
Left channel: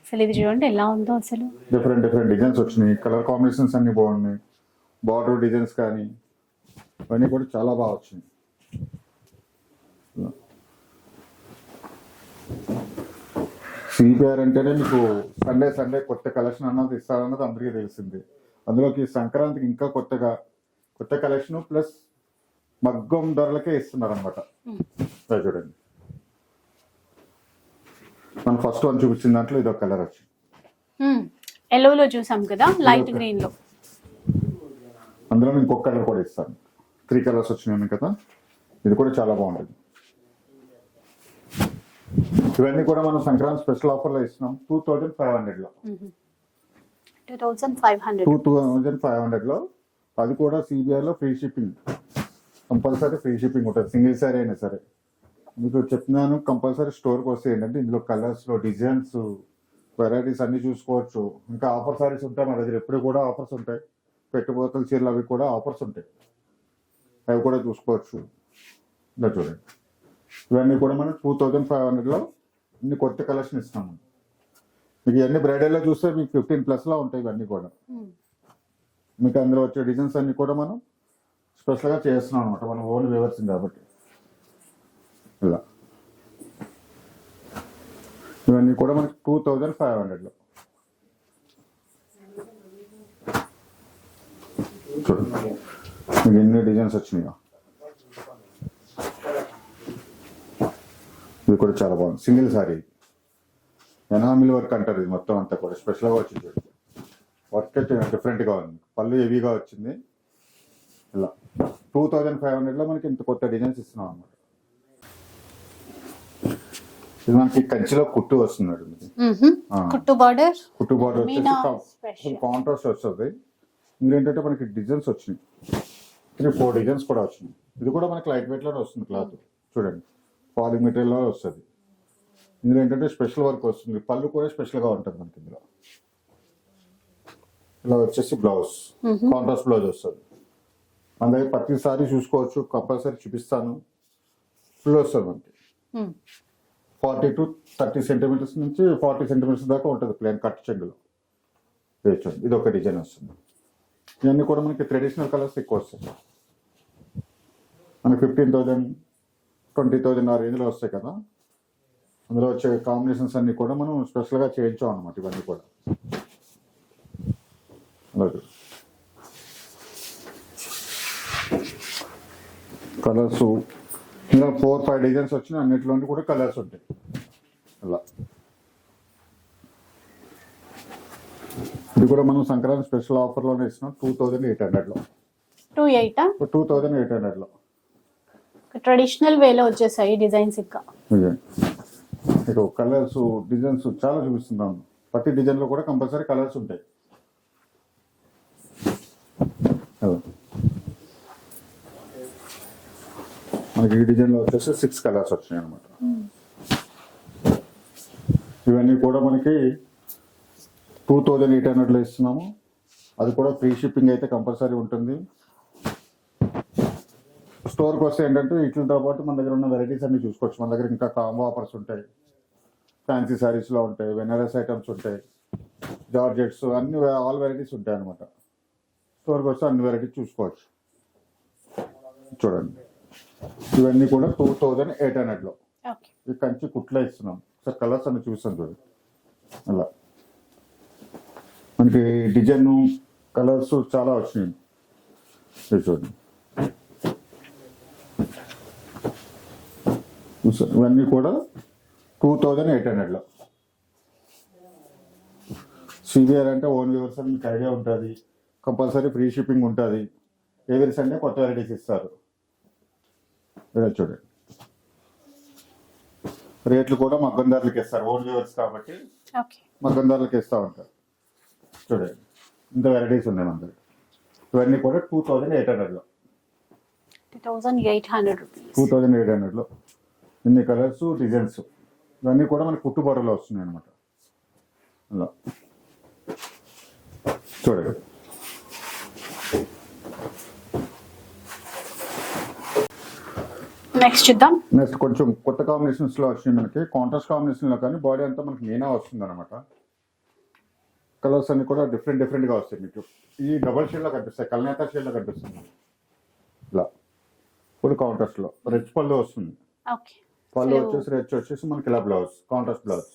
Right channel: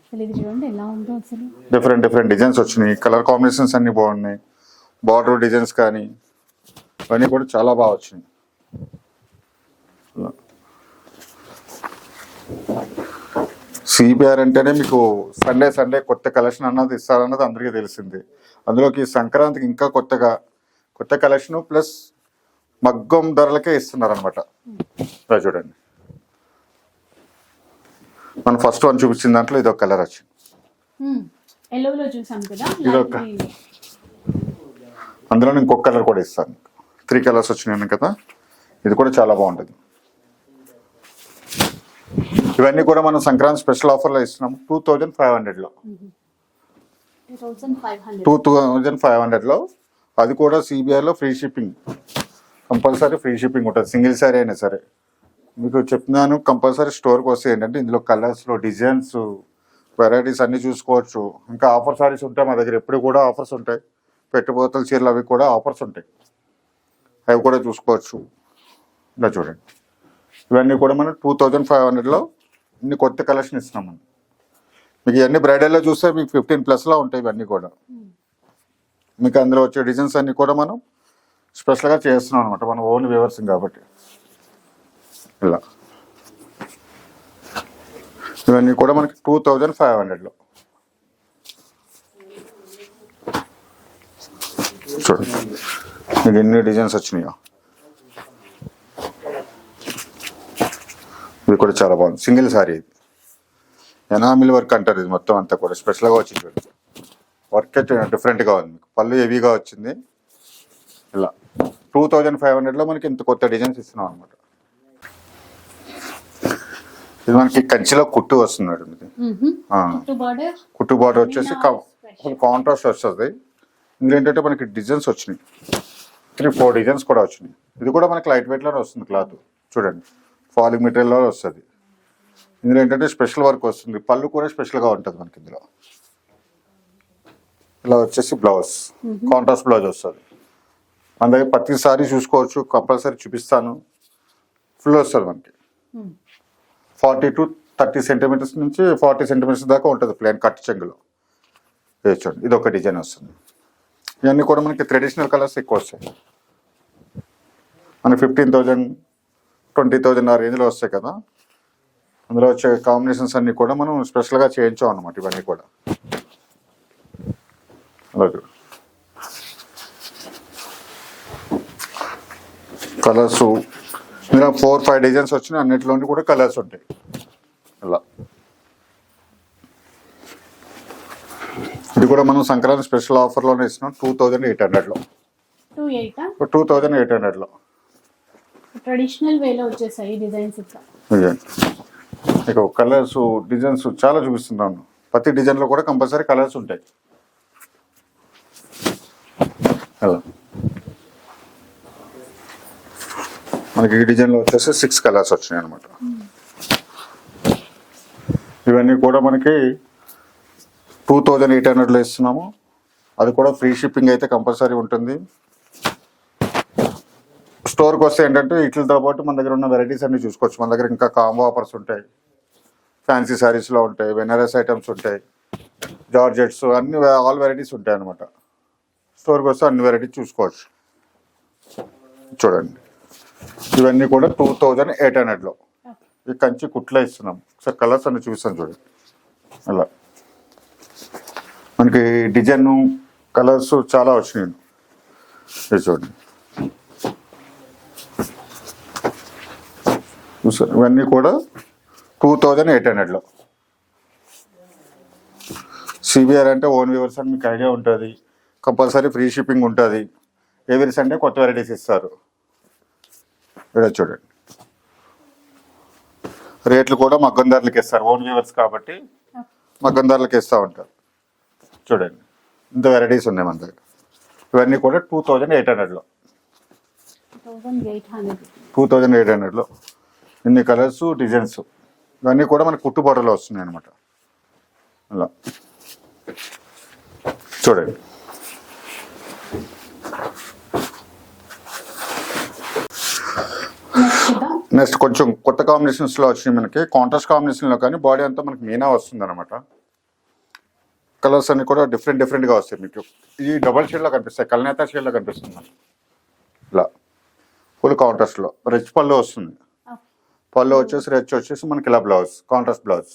అసలు ఇది చూడండి ఎలా ఉందో అసలు. డిఫరెంట్ డిజైన్స్ వచ్చినాయి. కలర్ కాంబినేషన్స్ అన్ని బాగున్నాయి. బార్డర్ డిజైన్స్ కానీ ఇవన్నీ కూడా చాలా బాగా వచ్చినాయి. సిబిఆర్ అంటేనే మీకు సండే కొత్త కలెక్షన్ అన్నది ఇస్తారన్నది అందరికీ తెలిసింది. అందులోకి సంక్రాంతికి ఇంకా కొత్త కలెక్షన్ ప్లస్ మగ్గం ధరలకే ఇస్తున్నారు అనమాట. చూడండి, మనం ఫస్ట్ వన్ చూపించిన దాంట్లో ఇది ఒక కలర్ వచ్చింది. ఎల్లోలో చూసాం కదా, లైట్ గ్రీన్ లో. అందులో ఇంకొక కలర్ కూడా ఇస్తాను. 3 కలర్స్ వచ్చినాయి కదా, ఇది కూడా చాలా బాగుంటుంది. ఇవన్నీ కూడా మనం సంక్రాంతి స్పెషల్ ఆఫర్లో ఇస్తున్నాం 2500లో. 2500లో అది కూడా సిబిఐలో free shipping, compulsory free shipping ఉంటుంది. సింగిల్ సారీ అయినా సరే మీకు చెప్తున్నాను. కంపల్సరీ స్టోర్కి వస్తే ఏంటంటే ఇందులో కలర్స్లో డిజైన్స్ వెరైటీస్ అన్నీ చూసుకోవచ్చు. ఇంకా ఆఫర్ సారీస్ ఉంటాయి మా దగ్గర, ఎప్పుడు కూడా ఆఫర్స్ ఉంటాయి. పెట్టుబోతల చీరలు అవి కూడా ఆఫర్స్ ఉంటాయి, అవి కూడా చూసుకోవచ్చు. ఇలా చూడండి, ఇవన్నీ కూడా మనం 2500లో ఇన్ని కొత్త కలెక్షన్ ఇస్తున్నాం. మీకు ఇవన్నీ బ్రైడల్లో చూస్తే మీకు 15+ ఉంటాయి. ఇవన్నీ కూడా మీకు అందులో వచ్చే డిజైన్స్ అన్నీ కూడా మనం స్పెషల్గా చేస్తున్నాం అనమాట, మన ఓన్ వ్యూవర్సింగ్ కాబట్టి. ఇలా ఇవన్నీ కూడా మనకి 2500లో. చూడండి మీకు ఎన్ని డిజైన్స్ వచ్చినాయో. ఇది కూడా చాలా బాగుంది, సింగిల్ సారీ. ఇది ఎనామిల్ వర్క్ అంటారు, ఇది మొత్తం అంతా కూడా స్పెషల్గా వచ్చింది. చూడండి, వర్క్ అయితే డిఫరెంట్గా ఉంది. పళ్ళు హెవీగా వచ్చింది. ఇలా 2500లో మనకి ఇంత కొత్త డిజైన్స్ ఇస్తున్నాం అనమాట. ఇది మనకి కంచిలో కుట్టు వస్తున్నాడు. కుట్టు బార్డర్ వచ్చేసి కాంట్రాస్ట్ వస్తుంది. ఇందులో ఏంటంటే మనకి డిజైన్స్ వచ్చినాయి, 3-4 డిజైన్స్ కూడా వచ్చినాయి. ఇది కూడా మనకి లైట్ వెయిట్లోనే వస్తుంది క్లాత్. చూడండి, ఫాలింగ్ మెటీరియల్లో వస్తుంది. ఇందులో ఏంటంటే స్పెషల్ వర్క్ వస్తుంది. పళ్ళు కూడా స్పెషల్గా ఉంటుంది మనకి ఇందులో. ఇలా వచ్చేసి బ్లౌజ్ కాంట్రాస్ట్ బ్లౌజ్ వస్తుంది. మన దగ్గర ప్రతిసారి చూసుకోవచ్చు, కంపల్సరీ చూపిస్తాను. ఫుల్ వస్తుంది మనకి 40 to 30 సెంటీమీటర్స్ నుంచి 40 సెంటీమీటర్స్ దాకా ఉంటుంది ప్లేన్ కట్ చెంగులో. చూడండి, ఇది ఒక డిజైన్ వస్తుంది. ఇవన్నీ కూడా మనకి ట్రెడిషనల్ కలర్స్ ఎక్కువ వస్తాయి. మనకి 15,000 20,000 ఆ రేంజ్లో వస్తాయి కదా. అందులో వచ్చే కాంబినేషన్స్ అన్నీ కూడా మనం స్పెషల్గా చేయించాం అన్నమాట. ఇవన్నీ కూడా అలాగే కలర్స్ ఇందులో 4-5 డిజైన్స్ వచ్చినాయి. అన్నిటిలోని కూడా కలర్స్ ఉంటాయి. ఇలా ఇది కూడా మనం సంక్రాంతి స్పెషల్ ఆఫర్లోనే ఇస్తున్నాం 2800లో. 2800లో ట్రెడిషనల్ వేలో వచ్చేసాయి డిజైన్స్. ఇక కలర్స్ డిజైన్స్ చాలా చూపిస్తున్నాను. ప్రతి డిజైన్లో కూడా కంపల్సరీ కలర్స్ ఉంటాయి. అలా మనకి ఈ డిజైన్లో వచ్చేసి 6 కలర్స్ వచ్చినాయి అనమాట. ఇవన్నీ కూడా మనకి 2800లో ఇస్తున్నాము. అది కూడా ఫ్రీ షిప్పింగ్ అయితే కంపల్సరీ ఉంటుంది. స్టోర్కి వస్తే ఏంటంటే వీటితో పాటు మన దగ్గర ఉన్న వెరైటీస్ అన్ని చూసుకోవచ్చు. మన దగ్గర ఇంకా కాంబో ఆఫర్స్ ఉంటాయి, ఫ్యాన్సీ శారీస్లో ఉంటాయి, బెనారస్ ఐటమ్స్ ఉంటాయి, జార్జెట్స్ అన్ని ఆల్ వెరైటీస్ ఉంటాయి అనమాట. స్టోర్కి వస్తే అన్ని వెరైటీ చూసుకోవచ్చు. చూడండి ఇవన్నీ కూడా 2800లో. ఓకే. ఈ కంచి కుట్లో ఇస్తున్నాం. సార్ కలర్స్ అన్ని చూపిస్తాను చూడండి. అలా మనకి డిజైన్ కలర్స్ చాలా వచ్చినాయి. ఇది చూడండి చూసారు, ఇవన్నీ కూడా 2800లో. సిబిఆర్ అంటే ఓన్ వ్యూవర్స్ అని మీకు ఐడియా ఉంటుంది. కంపల్సరీ ఫ్రీ షిప్పింగ్ ఉంటుంది. ఎవ్రీ సండే కొత్త వెరైటీస్ ఇస్తారు. ఇలా చూడండి రేట్లు కూడా మగ్గం ధరలకి ఇస్తారు. ఓన్ వ్యూవర్స్ కాబట్టి ఓకే. మగ్గం ధరలకి ఇస్తూ ఉంటారు. చూడండి ఇంత వెరైటీస్ ఉన్నాయి మన దగ్గర. ఇవన్నీ కూడా 2800లో. 2800 2800లో ఇన్ని కలర్స్ డిజైన్స్. ఇవన్నీ కూడా మనకి కుట్టుబాటులో వస్తున్నాయి అనమాట. అలా చూడండి నెక్స్ట్ చూద్దాం. నెక్స్ట్ కొంచెం కొత్త కాంబినేషన్స్లో వచ్చినాయి మనకి. కాంట్రాస్ట్ కాంబినేషన్లో కానీ బాడీ అంతా మనకి మీనా వస్తుంది అనమాట. కలర్స్ అన్ని కూడా డిఫరెంట్గా వస్తాయి మీకు. ఈ డబల్ షేడ్లో కనిపిస్తాయి, కల్నేత షేడ్లో కనిపిస్తుంది మనకి. ఇలా ఫుల్ కాంట్రాస్ట్లో రిచ్ పళ్ళు వస్తుంది. ఓకే. పళ్ళు వచ్చేసి రిచ్ వచ్చేసి మనకి ఇలా blouse, contrast blouse.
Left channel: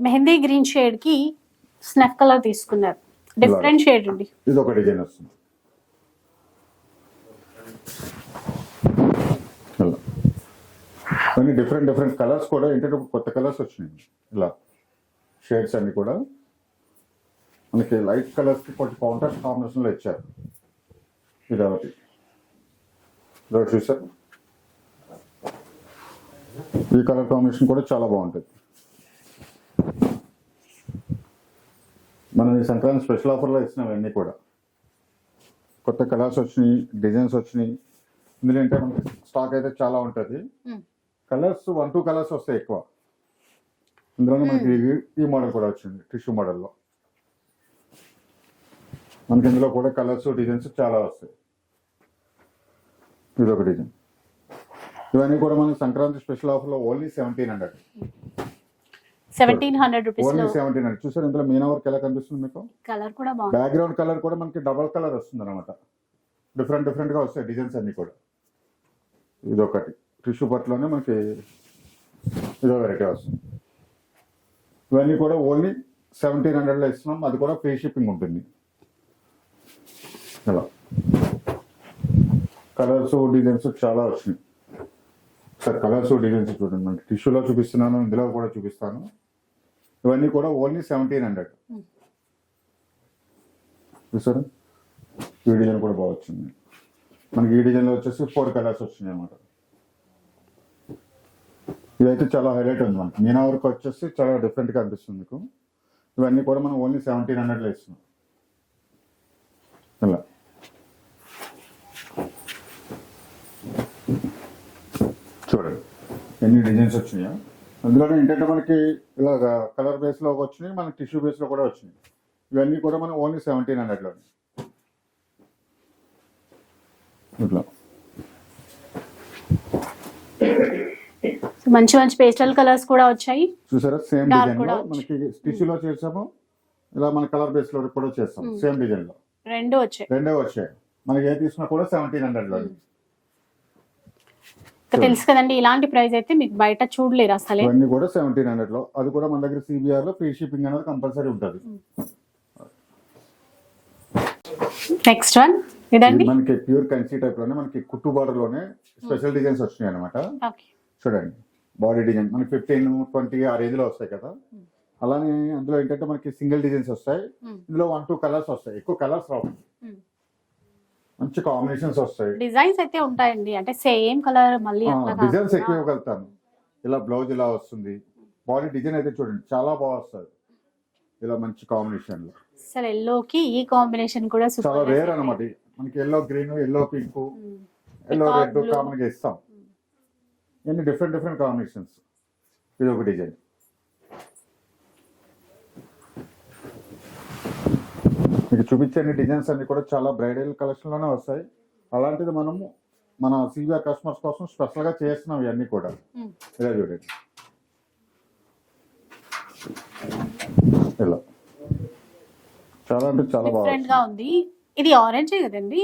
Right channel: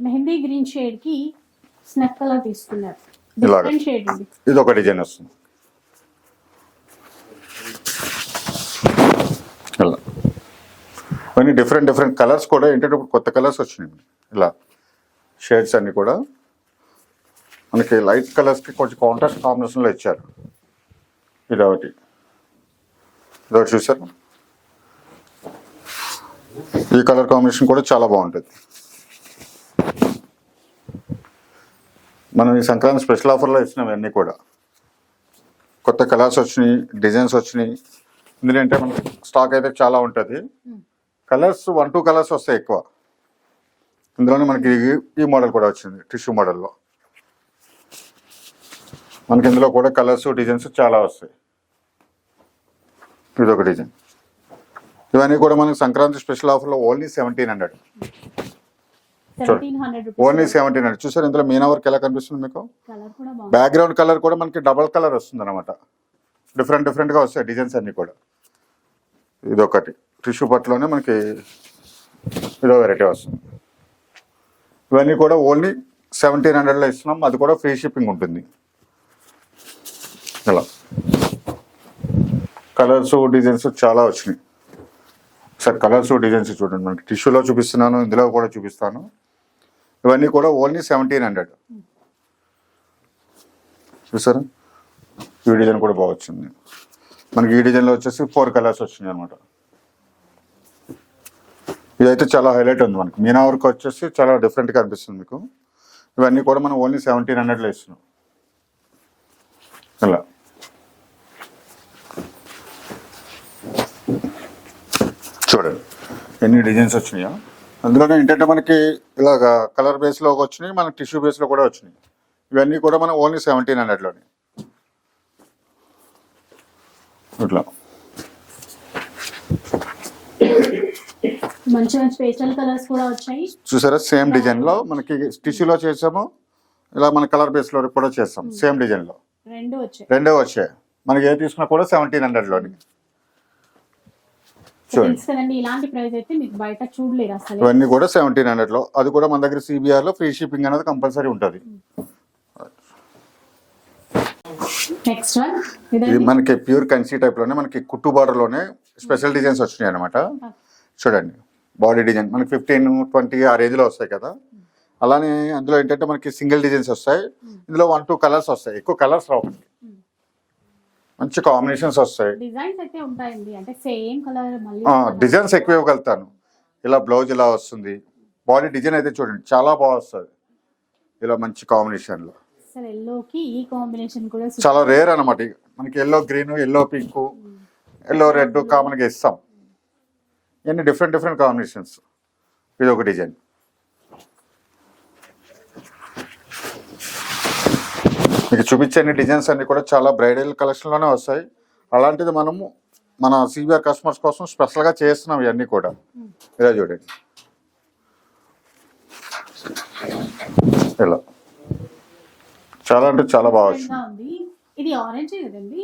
Mehndi green shade కి స్నఫ్ కలర్ తీసుకున్నారు. డిఫరెంట్ షేడ్ అండి. ఇది ఒక డిజైన్ వస్తుంది. ఇలా కొన్ని డిఫరెంట్ కలర్స్ కూడా ఏంటంటే కొత్త కలర్స్ వచ్చినాయి. ఇలా షేడ్స్ అన్ని కూడా మనకి లైట్ కలర్స్కి కొంచెం కాంట్రాస్ట్ కాంబినేషన్లో ఇచ్చారు. ఇదొకటి చూసారు. ఈ కలర్ కాంబినేషన్ కూడా చాలా బాగుంటుంది. మనం ఈ సంక్రాంతి స్పెషల్ ఆఫర్లో ఇచ్చినాం అన్నీ కూడా. కొత్త కలర్స్ వచ్చినాయి, డిజైన్స్ వచ్చినాయి. ఇందులో అంటే మనకి స్టాక్ అయితే చాలా ఉంటుంది. కలర్స్ 1-2 కలర్స్ వస్తాయి ఎక్కువ. ఇందులోనే మనకి ఈ మోడల్ కూడా వచ్చింది టిష్యూ మోడల్లో. మనకి ఇందులో కూడా కలర్స్ డిజైన్స్ చాలా వస్తాయి. ఇదొక డిజైన్. ఇవన్నీ కూడా మనకి సంక్రాంతి స్పెషల్ ఆఫర్లో ఓన్లీ 1700. 1700 రూపీస్. ఓన్లీ 1700. చూసారు ఇందులో మీనా వర్క్ ఎలా కనిపిస్తుంది మీకు. కలర్ కూడా బాగుంది. బ్యాక్గ్రౌండ్ కలర్ కూడా మనకి డబల్ కలర్ వస్తుంది అనమాట. డిఫరెంట్గా వస్తాయి డిజైన్స్ అన్ని కూడా. ఇదొకటి టిష్యూ పట్టులోనే మనకి ఇదో వెరైటీ వస్తుంది. ఇవన్నీ కూడా ఓన్లీ 1700లో ఇస్తున్నాం. అది కూడా ఫ్రీ షిప్పింగ్ ఉంటుంది. ఇలా కలర్స్ డిజైన్స్ చాలా వచ్చినాయి. సార్ కలర్స్ డిజైన్స్ చూడండి. మనకి టిష్యూలో చూపిస్తున్నాను, ఇందులో కూడా చూపిస్తాను. ఇవన్నీ కూడా ఓన్లీ 1700. చూసారా ఈ డిజైన్ కూడా బాగా వచ్చింది మనకి. ఈ డిజైన్లో వచ్చేసి 4 కలర్స్ వచ్చినాయి అనమాట. ఇదైతే చాలా హైలైట్ ఉంది మనకి. మీనా వర్క్ వచ్చేసి చాలా డిఫరెంట్గా అనిపిస్తుంది మీకు. ఇవన్నీ కూడా మనం ఓన్లీ 1700లో ఇస్తున్నాం. ఇలా చూడండి ఎన్ని డిజైన్స్ వచ్చినాయో. అందులోనే ఏంటంటే మనకి ఇలాగ కలర్ బేస్లో వచ్చినాయి, మనకి టిష్యూ బేస్లో కూడా వచ్చినాయి. ఇవన్నీ కూడా మనం ఓన్లీ 1700లోనే. ఇట్లా మంచి మంచి పేస్టల్ కలర్స్ కూడా వచ్చాయి. చూసారా సేమ్ డిజైన్లో మనకి టిష్యూలో చేసాము, ఇలా మన కలర్ బేస్లో కూడా చేస్తాం. సేమ్ డిజైన్లో రెండో వచ్చాయి. మనకి ఏ తీసుకున్నా కూడా 1700లోని. తెలుసు కదండి, ఇలాంటి ప్రైస్ అయితే మీకు బయట చూడలేరు అసలు. ఇవన్నీ కూడా 1700లో. అది కూడా మన దగ్గర సిబిఆర్ లో ఫ్రీ షిప్పింగ్ అనేది కంపల్సరీ ఉంటుంది. నెక్స్ట్ వన్ ఇదండి. మనకి ప్యూర్ కన్సీ టైప్ లోనే మనకి కుట్టు బార్డర్ లోనే స్పెషల్ డిజైన్స్ వచ్చినాయి అనమాట. చూడండి బాడీ డిజైన్ మనకి 15-20 ఆ రేంజ్ లో వస్తాయి కదా. అలానే అందులో ఏంటంటే మనకి సింగిల్ డిజైన్స్ వస్తాయి. ఇందులో 1-2 కలర్స్ వస్తాయి, ఎక్కువ కలర్స్ రావు. మంచి కాంబినేషన్స్ వస్తాయి. డిజైన్స్ అయితే ఉంటాయండి, అంటే సేమ్ కలర్ మళ్ళీ డిజైన్స్ ఎక్కువ ఇవ్వగలుగుతాను. ఇలా బ్లౌజ్ ఇలా వస్తుంది. బాడీ డిజైన్ అయితే చూడండి చాలా బాగా వస్తుంది. ఇలా మంచి కాంబినేషన్ లో అసలు ఎల్లోకి ఈ కాంబినేషన్ కూడా చాలా రేర్ అనమాట. మనకి yellow green, yellow pink, yellow red common గా ఇస్తాం. ఇవన్నీ డిఫరెంట్ కాంబినేషన్స్. ఇది ఒక డిజైన్. మీకు చూపించే డిజైన్స్ అన్ని కూడా చాలా బ్రైడల్ కలెక్షన్లోనే వస్తాయి. అలాంటిది మనము మన సిబిఆర్ కస్టమర్స్ కోసం స్పెషల్గా చేస్తున్నాం ఇవన్నీ కూడా. ఇలా చూడండి ఇలా చాలా అంటే చాలా బాగా ఉంది. ఇది ఆరెంజ్ కదండి,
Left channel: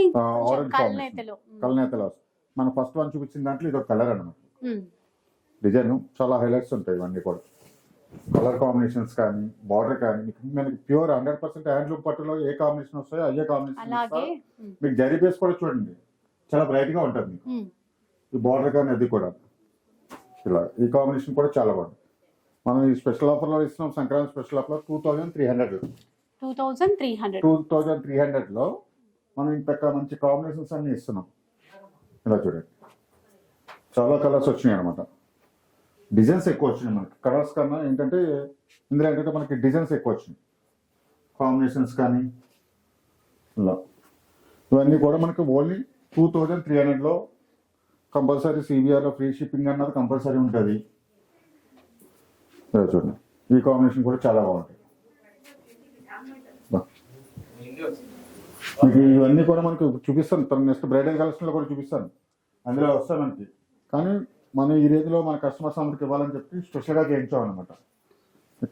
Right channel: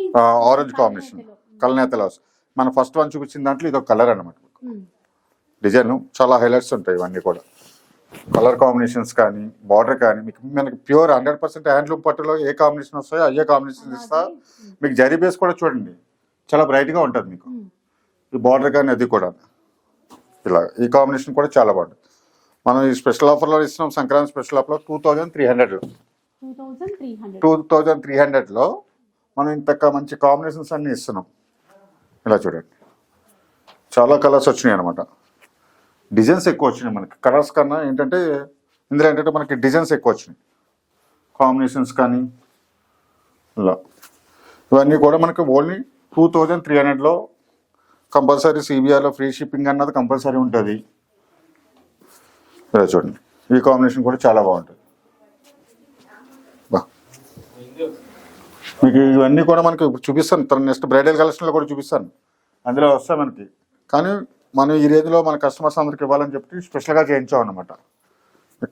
ఆరెంజ్ కాంబినేషన్ కల్నేతలో. కలనేతలో వస్తుంది. మన ఫస్ట్ వన్ చూపించిన దాంట్లో ఇది ఒక కలర్ అనమాట. ఉమ్. డిజైన్ చాలా హైలైట్స్ ఉంటాయి ఇవన్నీ కూడా. కలర్ కాంబినేషన్స్ కానీ బార్డర్ కానీ మనకి ప్యూర్ 100% హ్యాండ్లూమ్ పట్టులో ఏ కాంబినేషన్ వస్తాయో అయ్యే కాంబినేషన్ ఇస్తా. అలాగే మీకు జరీ బేస్ కూడా చూడండి చాలా బ్రైట్ గా ఉంటుంది మీకు. ఈ బార్డర్ కానీ అది కూడా ఇలా ఈ కాంబినేషన్ కూడా చాలా బాగుంటుంది. మనం ఈ స్పెషల్ ఆఫర్లో ఇస్తున్నాం, సంక్రాంతి స్పెషల్ ఆఫర్లో 2300 2300లో మనం ఇంత మంచి కాంబినేషన్స్ అన్ని ఇస్తున్నాం. ఇలా చూడండి చాలా కలర్స్ వచ్చినాయి అనమాట. డిజైన్స్ ఎక్కువ వచ్చినాయి మనకి, కలర్స్ కన్నా ఏంటంటే ఇందులో ఏంటంటే మనకి డిజైన్స్ ఎక్కువ వచ్చినాయి, కాంబినేషన్స్ కానీ ఇలా. ఇవన్నీ కూడా మనకి ఓన్లీ 2300లో కంపల్సరీ. సిబిఆర్లో ఫ్రీ షిప్పింగ్ అన్నది కంపల్సరీ ఉంటుంది. ఇలా చూడండి ఈ కాంబినేషన్ కూడా చాలా బాగుంటుంది. మీకు ఇవన్నీ కూడా మనకి చూపిస్తాను, తన నెక్స్ట్ బ్రైడల్ కలెక్షన్లో కూడా చూపిస్తాను, అందులో వస్తాయి మనకి. కానీ మనం ఈ రేంజ్లో మన కస్టమర్స్ అందరికి ఇవ్వాలని చెప్పి స్పెషల్గా చేయించాం అనమాట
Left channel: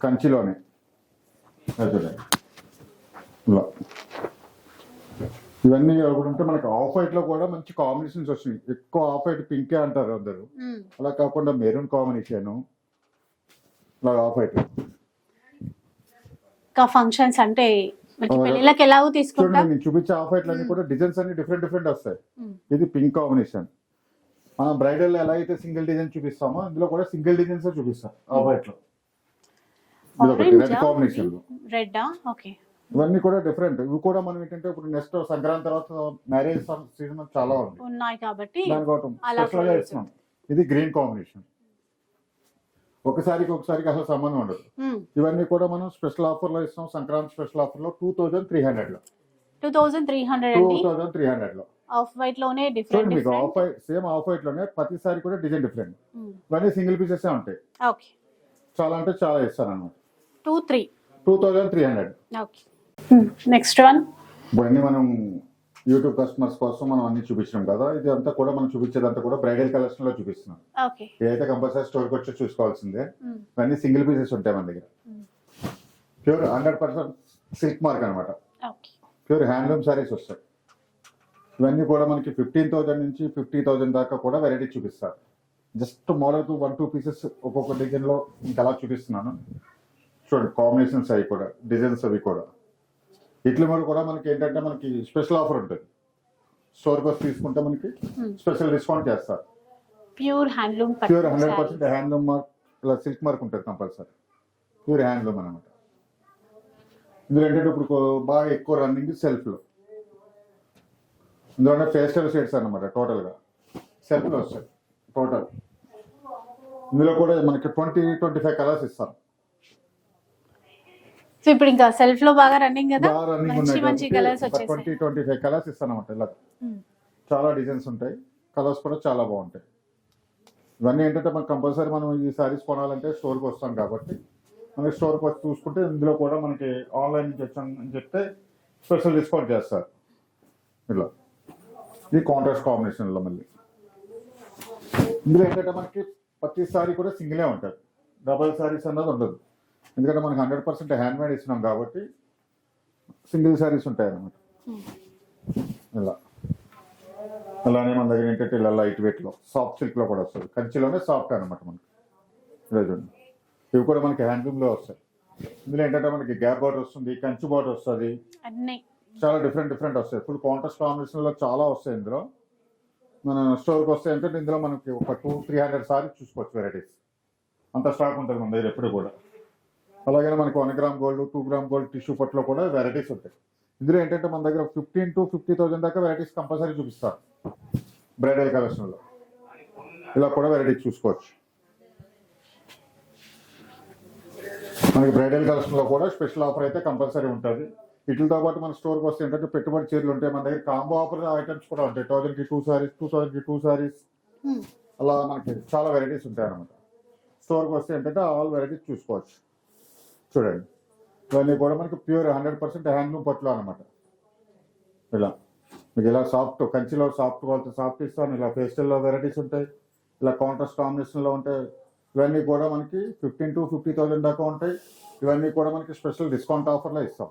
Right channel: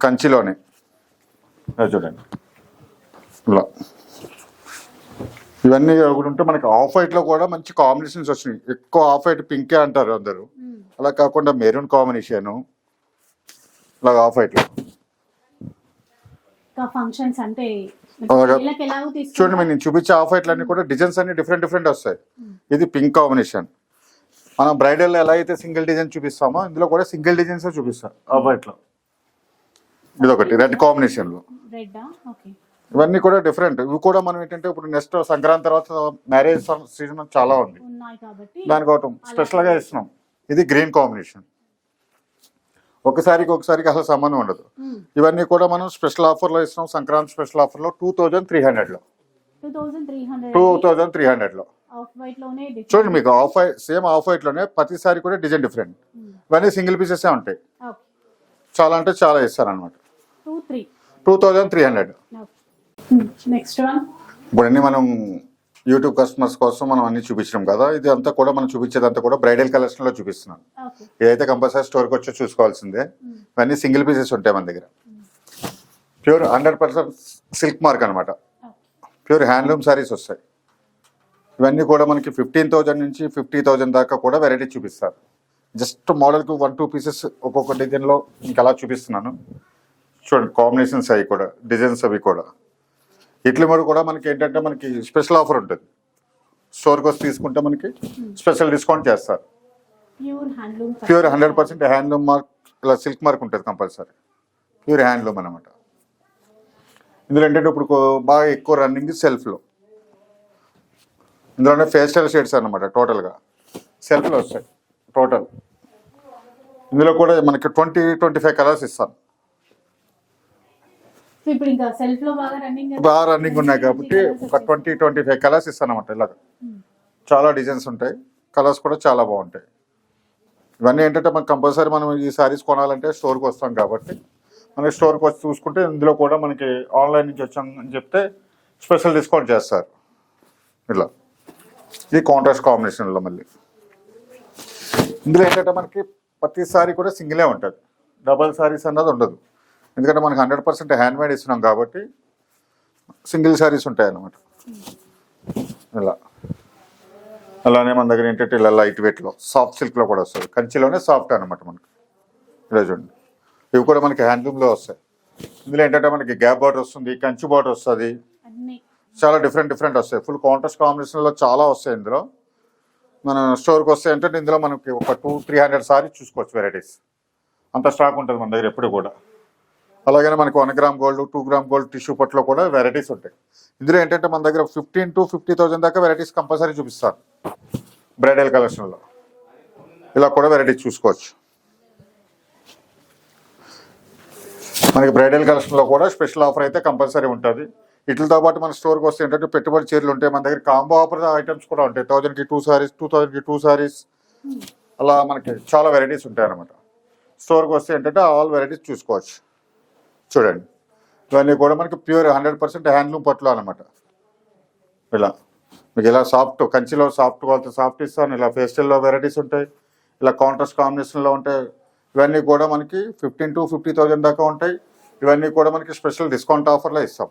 కంచిలోనే. చూడండి ఇలా ఇవన్నీ ఒకటి ఉంటే మనకి ఆఫ్ వైట్లో కూడా మంచి కాంబినేషన్స్ వచ్చినాయి. ఎక్కువ ఆఫ్ వైట్ పింకే అంటారు అందరూ, అలా కాకుండా మెరూన్ కాంబినేషన్ ఇలా ఆఫ్ వైట్లో. ఫంక్షన్స్ అంటే చూడండి నేను చూపించే ఆఫ్ వైట్లు అన్ని కూడా డిజైన్స్ అన్ని డిఫరెంట్ వస్తాయి. ఇది పింక్ కాంబినేషన్. మనం బ్రైడల్ ఎలా అయితే సింగిల్ డిజైన్ చూపిస్తామో ఇందులో కూడా సింగిల్ డిజైన్స్ చూపిస్తాం ఆఫ్ వైట్ లో. ఇది ఒకటి రెడ్ కాంబినేషన్ లో. ఇవన్నీ కూడా డిఫరెంట్. ఇవి కూడా మనం ఏంటంటే ఇప్పుడు నెక్స్ట్ సంక్రాంతి తర్వాత మ్యారేజ్ సీజన్ చాలా ఉంది కాబట్టి దానికి ఒకటి స్పెషల్ గా ఇస్తున్నాం. ఇది గ్రీన్ కాంబినేషన్. ఒకసారికి అసలు సంబంధం ఉండదు. ఇవన్నీ కూడా మనం స్పెషల్ ఆఫర్ లో ఇస్తున్నాం. సంక్రాంతి స్పెషల్ ఆఫర్ లో 2300లో. 2300లో ఆఫ్ వైట్ లోనే చూడండి మీకు off white same off white లోనే ప్రతిసారి కూడా డిజైన్ డిఫరెంట్. ఇవన్నీ సింగిల్ పీసెస్ ఉంటాయి. చాలా అంటే చాలా ఇస్తారు అనమాట. 2300. నెక్స్ట్ వన్ ఇప్పుడు అన్ని మనం యూట్యూబ్ కస్టమర్స్ కోసం మనం అన్ని చూపించినాం కదా. ఇది అంతా కూడా మనం చూపించేదంతా కూడా బ్రైడల్ కలెక్షన్ లో చూపిస్తున్నాం. ఇదైతే కంపల్సరీ స్టోర్కి వచ్చి చూసుకోవాల్సిందే. ఇవన్నీ సింగిల్ పీసెస్ ఉంటాయి మన దగ్గర. ప్యూర్ 100% సిల్క్ మార్క్ అనమాట. ప్యూర్ హ్యాండ్లూమ్ సారీస్ వస్తాయి. ఇవన్నీ కూడా మనకి 15,000 నుంచి 50,000 దాకా కూడా వెరైటీ చూపిస్తారు. జస్ట్ మోడల్కి 1-2 పీసెస్ ఒక్కొక్క డిజైన్లో ఇంకా అలా చూపిస్తున్నాను. చూడండి కాంబినేషన్స్ అవి కూడా, డిజైన్స్ అవి కూడా. ఇట్ల మీద కూడా మనకి ఏంటంటే మనకి స్పెషల్ ఆఫర్ ఉంటుంది. స్టోర్కి వచ్చి తీసుకుంటే మనకి స్పెషల్ డిస్కౌంట్ చేస్తారు. ప్యూర్ 100% హ్యాండ్లూమ్ మార్క్, ఇలా సిల్క్ మార్క్ ఉంటుంది కంపల్సరీ. ప్యూర్ హ్యాండ్లూమ్ అనమాట. ఇందులో ఏంటంటే ఇప్పుడు బాగా ఎక్కువ రన్నింగ్ సెల్ఫ్లో. ఇందులోనే ఫేస్టల్ షేడ్స్ అనమాట. టోటల్గా సెల్ఫ్లో వస్తాయి టోటల్. ఇందులో కూడా మనకి 20-25 కలర్స్ ఇస్తాను. ఇప్పుడు ఇంకా సెల్ఫ్ లో బాగా రన్నింగ్ ఉన్నాయి కాబట్టి ఒక 20-25 కలర్స్ ఇస్తాను అనమాట. ఇలా చాలా డిజైన్స్ ఉంటాయి, కలర్స్ కూడా చాలా బాగుంటాయి. ఇవన్నీ ఏంటంటే మనకి కంపల్సరీ మనం ఈ సారీస్ కొనాలంటే స్టోర్కి వస్తాం కాబట్టి మనకి స్టోర్కి వచ్చి చూసుకుంటే ఇందులో కూడా మనకి ఆన్లైన్ నుంచి వచ్చాం అని చెప్తే స్పెషల్ డిస్కౌంట్ చేస్తారు. ఇలా ఇది కాంట్రాస్ట్ కాంబినేషన్లో. మళ్ళీ ఇందులో ఏంటంటే మనకి ప్రతి సారీ కూడా సింగిలే ఉంటుంది, డబల్ సారీస్ అన్నది ఉండదు. ఎందుకంటే మనకి 100% హ్యాండ్ మేడ్ ఇస్తున్నాం కాబట్టి సింగిల్ సారీస్ ఉంటాయి అన్నమాట. ఇలా అలానే మన దగ్గర ఏంటంటే ఇలా లైట్ వెయిట్లో సాఫ్ట్ సిల్క్లో కూడా వస్తుంది. కంచిలోనే సాఫ్ట్ అనమాట మనకి. ఇలా చూడండి ఇవి కూడా మనకి హ్యాండ్లూమ్లో వస్తాయి. ఇందులో ఏంటంటే మనకి గ్యాప్ బార్డర్ వస్తుంది, కంచి బార్డర్ వస్తుంది, చాలా డిఫరెంట్ వస్తాయి. ఫుల్ కాంట్రాస్ట్ కాంబినేషన్లో చాలా వస్తాయి. ఇందులో మన స్టోర్కి వస్తాయి అంటే ఇందులో మనకి ఒక 200-300 సారీస్ చూసుకోవచ్చు వెరైటీస్. అంత స్టాక్ ఉంటుంది మన దగ్గర ఎప్పుడు కూడా. అలాగే మనకి 1 gram gold, 2 gram gold tissue పట్లో కూడా వెరైటీస్ ఉంటాయి. ఇందులో ఏంటంటే మన దగ్గర 15,000-50,000 దాకా వెరైటీస్ కంపల్సరీ చూపిస్తారు బ్రైడల్ కలెక్షన్లో. ఇలా కూడా వెరైటీస్ చూసుకోవచ్చు. మనకి బ్రైడల్ కలెక్షన్లో కూడా స్పెషల్ ఆఫర్ అయితే కంపల్సరీ ఉంటుంది. వీటితో పాటు మన స్టోర్కి వస్తే ఏంటంటే పెట్టుబడి చీరలు ఉంటాయి. మన దగ్గర కాంబో ఆఫర్ ఐటమ్స్ కూడా ఉంటాయి. 1,000కి 2 సారీస్, 2,000కి 2 సారీస్, అలా మనకి చాలా వెరైటీస్ ఉంటాయి అన్నమాట. స్టోర్కి వస్తే ఏంటంటే ఆల్ వెరైటీస్ చూసుకోవచ్చు. చూడండి ఇవన్నీ కూడా మనకి ప్యూర్ 100% హ్యాండ్లూమ్ పట్లు అనమాట. ఇలా మీకు ఇలా సాఫ్ట్ కంచిలో సాఫ్ట్ వాళ్ళతో సాఫ్ట్ ఇస్తాను. ఇలా ఫేస్టల్లో వెరైటీస్ ఉంటాయి, ఇలా కాంట్రాస్ట్ కాంబినేషన్లో ఉంటాయి. ఇవన్నీ కూడా మనకి 15,000-50,000 దాకా ఉంటాయి. ఇవన్నీ కూడా మనకి స్పెషల్ డిస్కౌంట్ ఆఫర్లో ఇస్తాం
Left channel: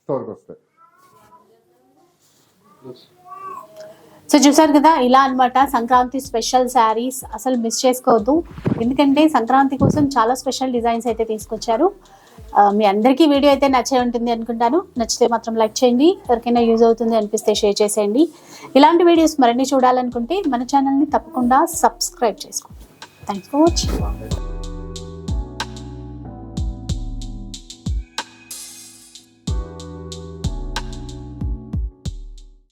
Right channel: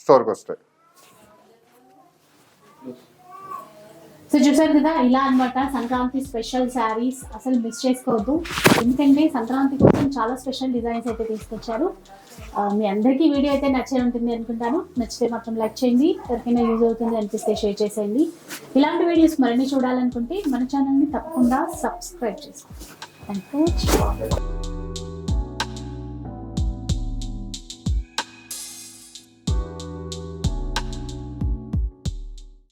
స్టోర్కి వస్తే. సో చూసారు కదా, ఇలా అన్నమాట సంక్రాంతి స్పెషల్ శారీస్. అసలు మిస్ చేసుకోవద్దు, ఎందుకంటే సంక్రాంతి కోసం చాలా స్పెషల్ డిజైన్స్ అయితే తీసుకొచ్చారు. మీ అందరికీ వీడియో అయితే నచ్చే ఉంటుంది అనుకుంటాను. నచ్చితే మాత్రం లైక్ చేయండి, ఎవరికైనా యూజ్ అవుతుంది అనిపిస్తే షేర్ చేసేయండి. ఇలాంటి వీడియోస్ మరిన్ని చూడాలనుకుంటే మన ఛానల్ని తప్పకుండా సబ్స్క్రైబ్ చేసుకోండి. Thanks for watching.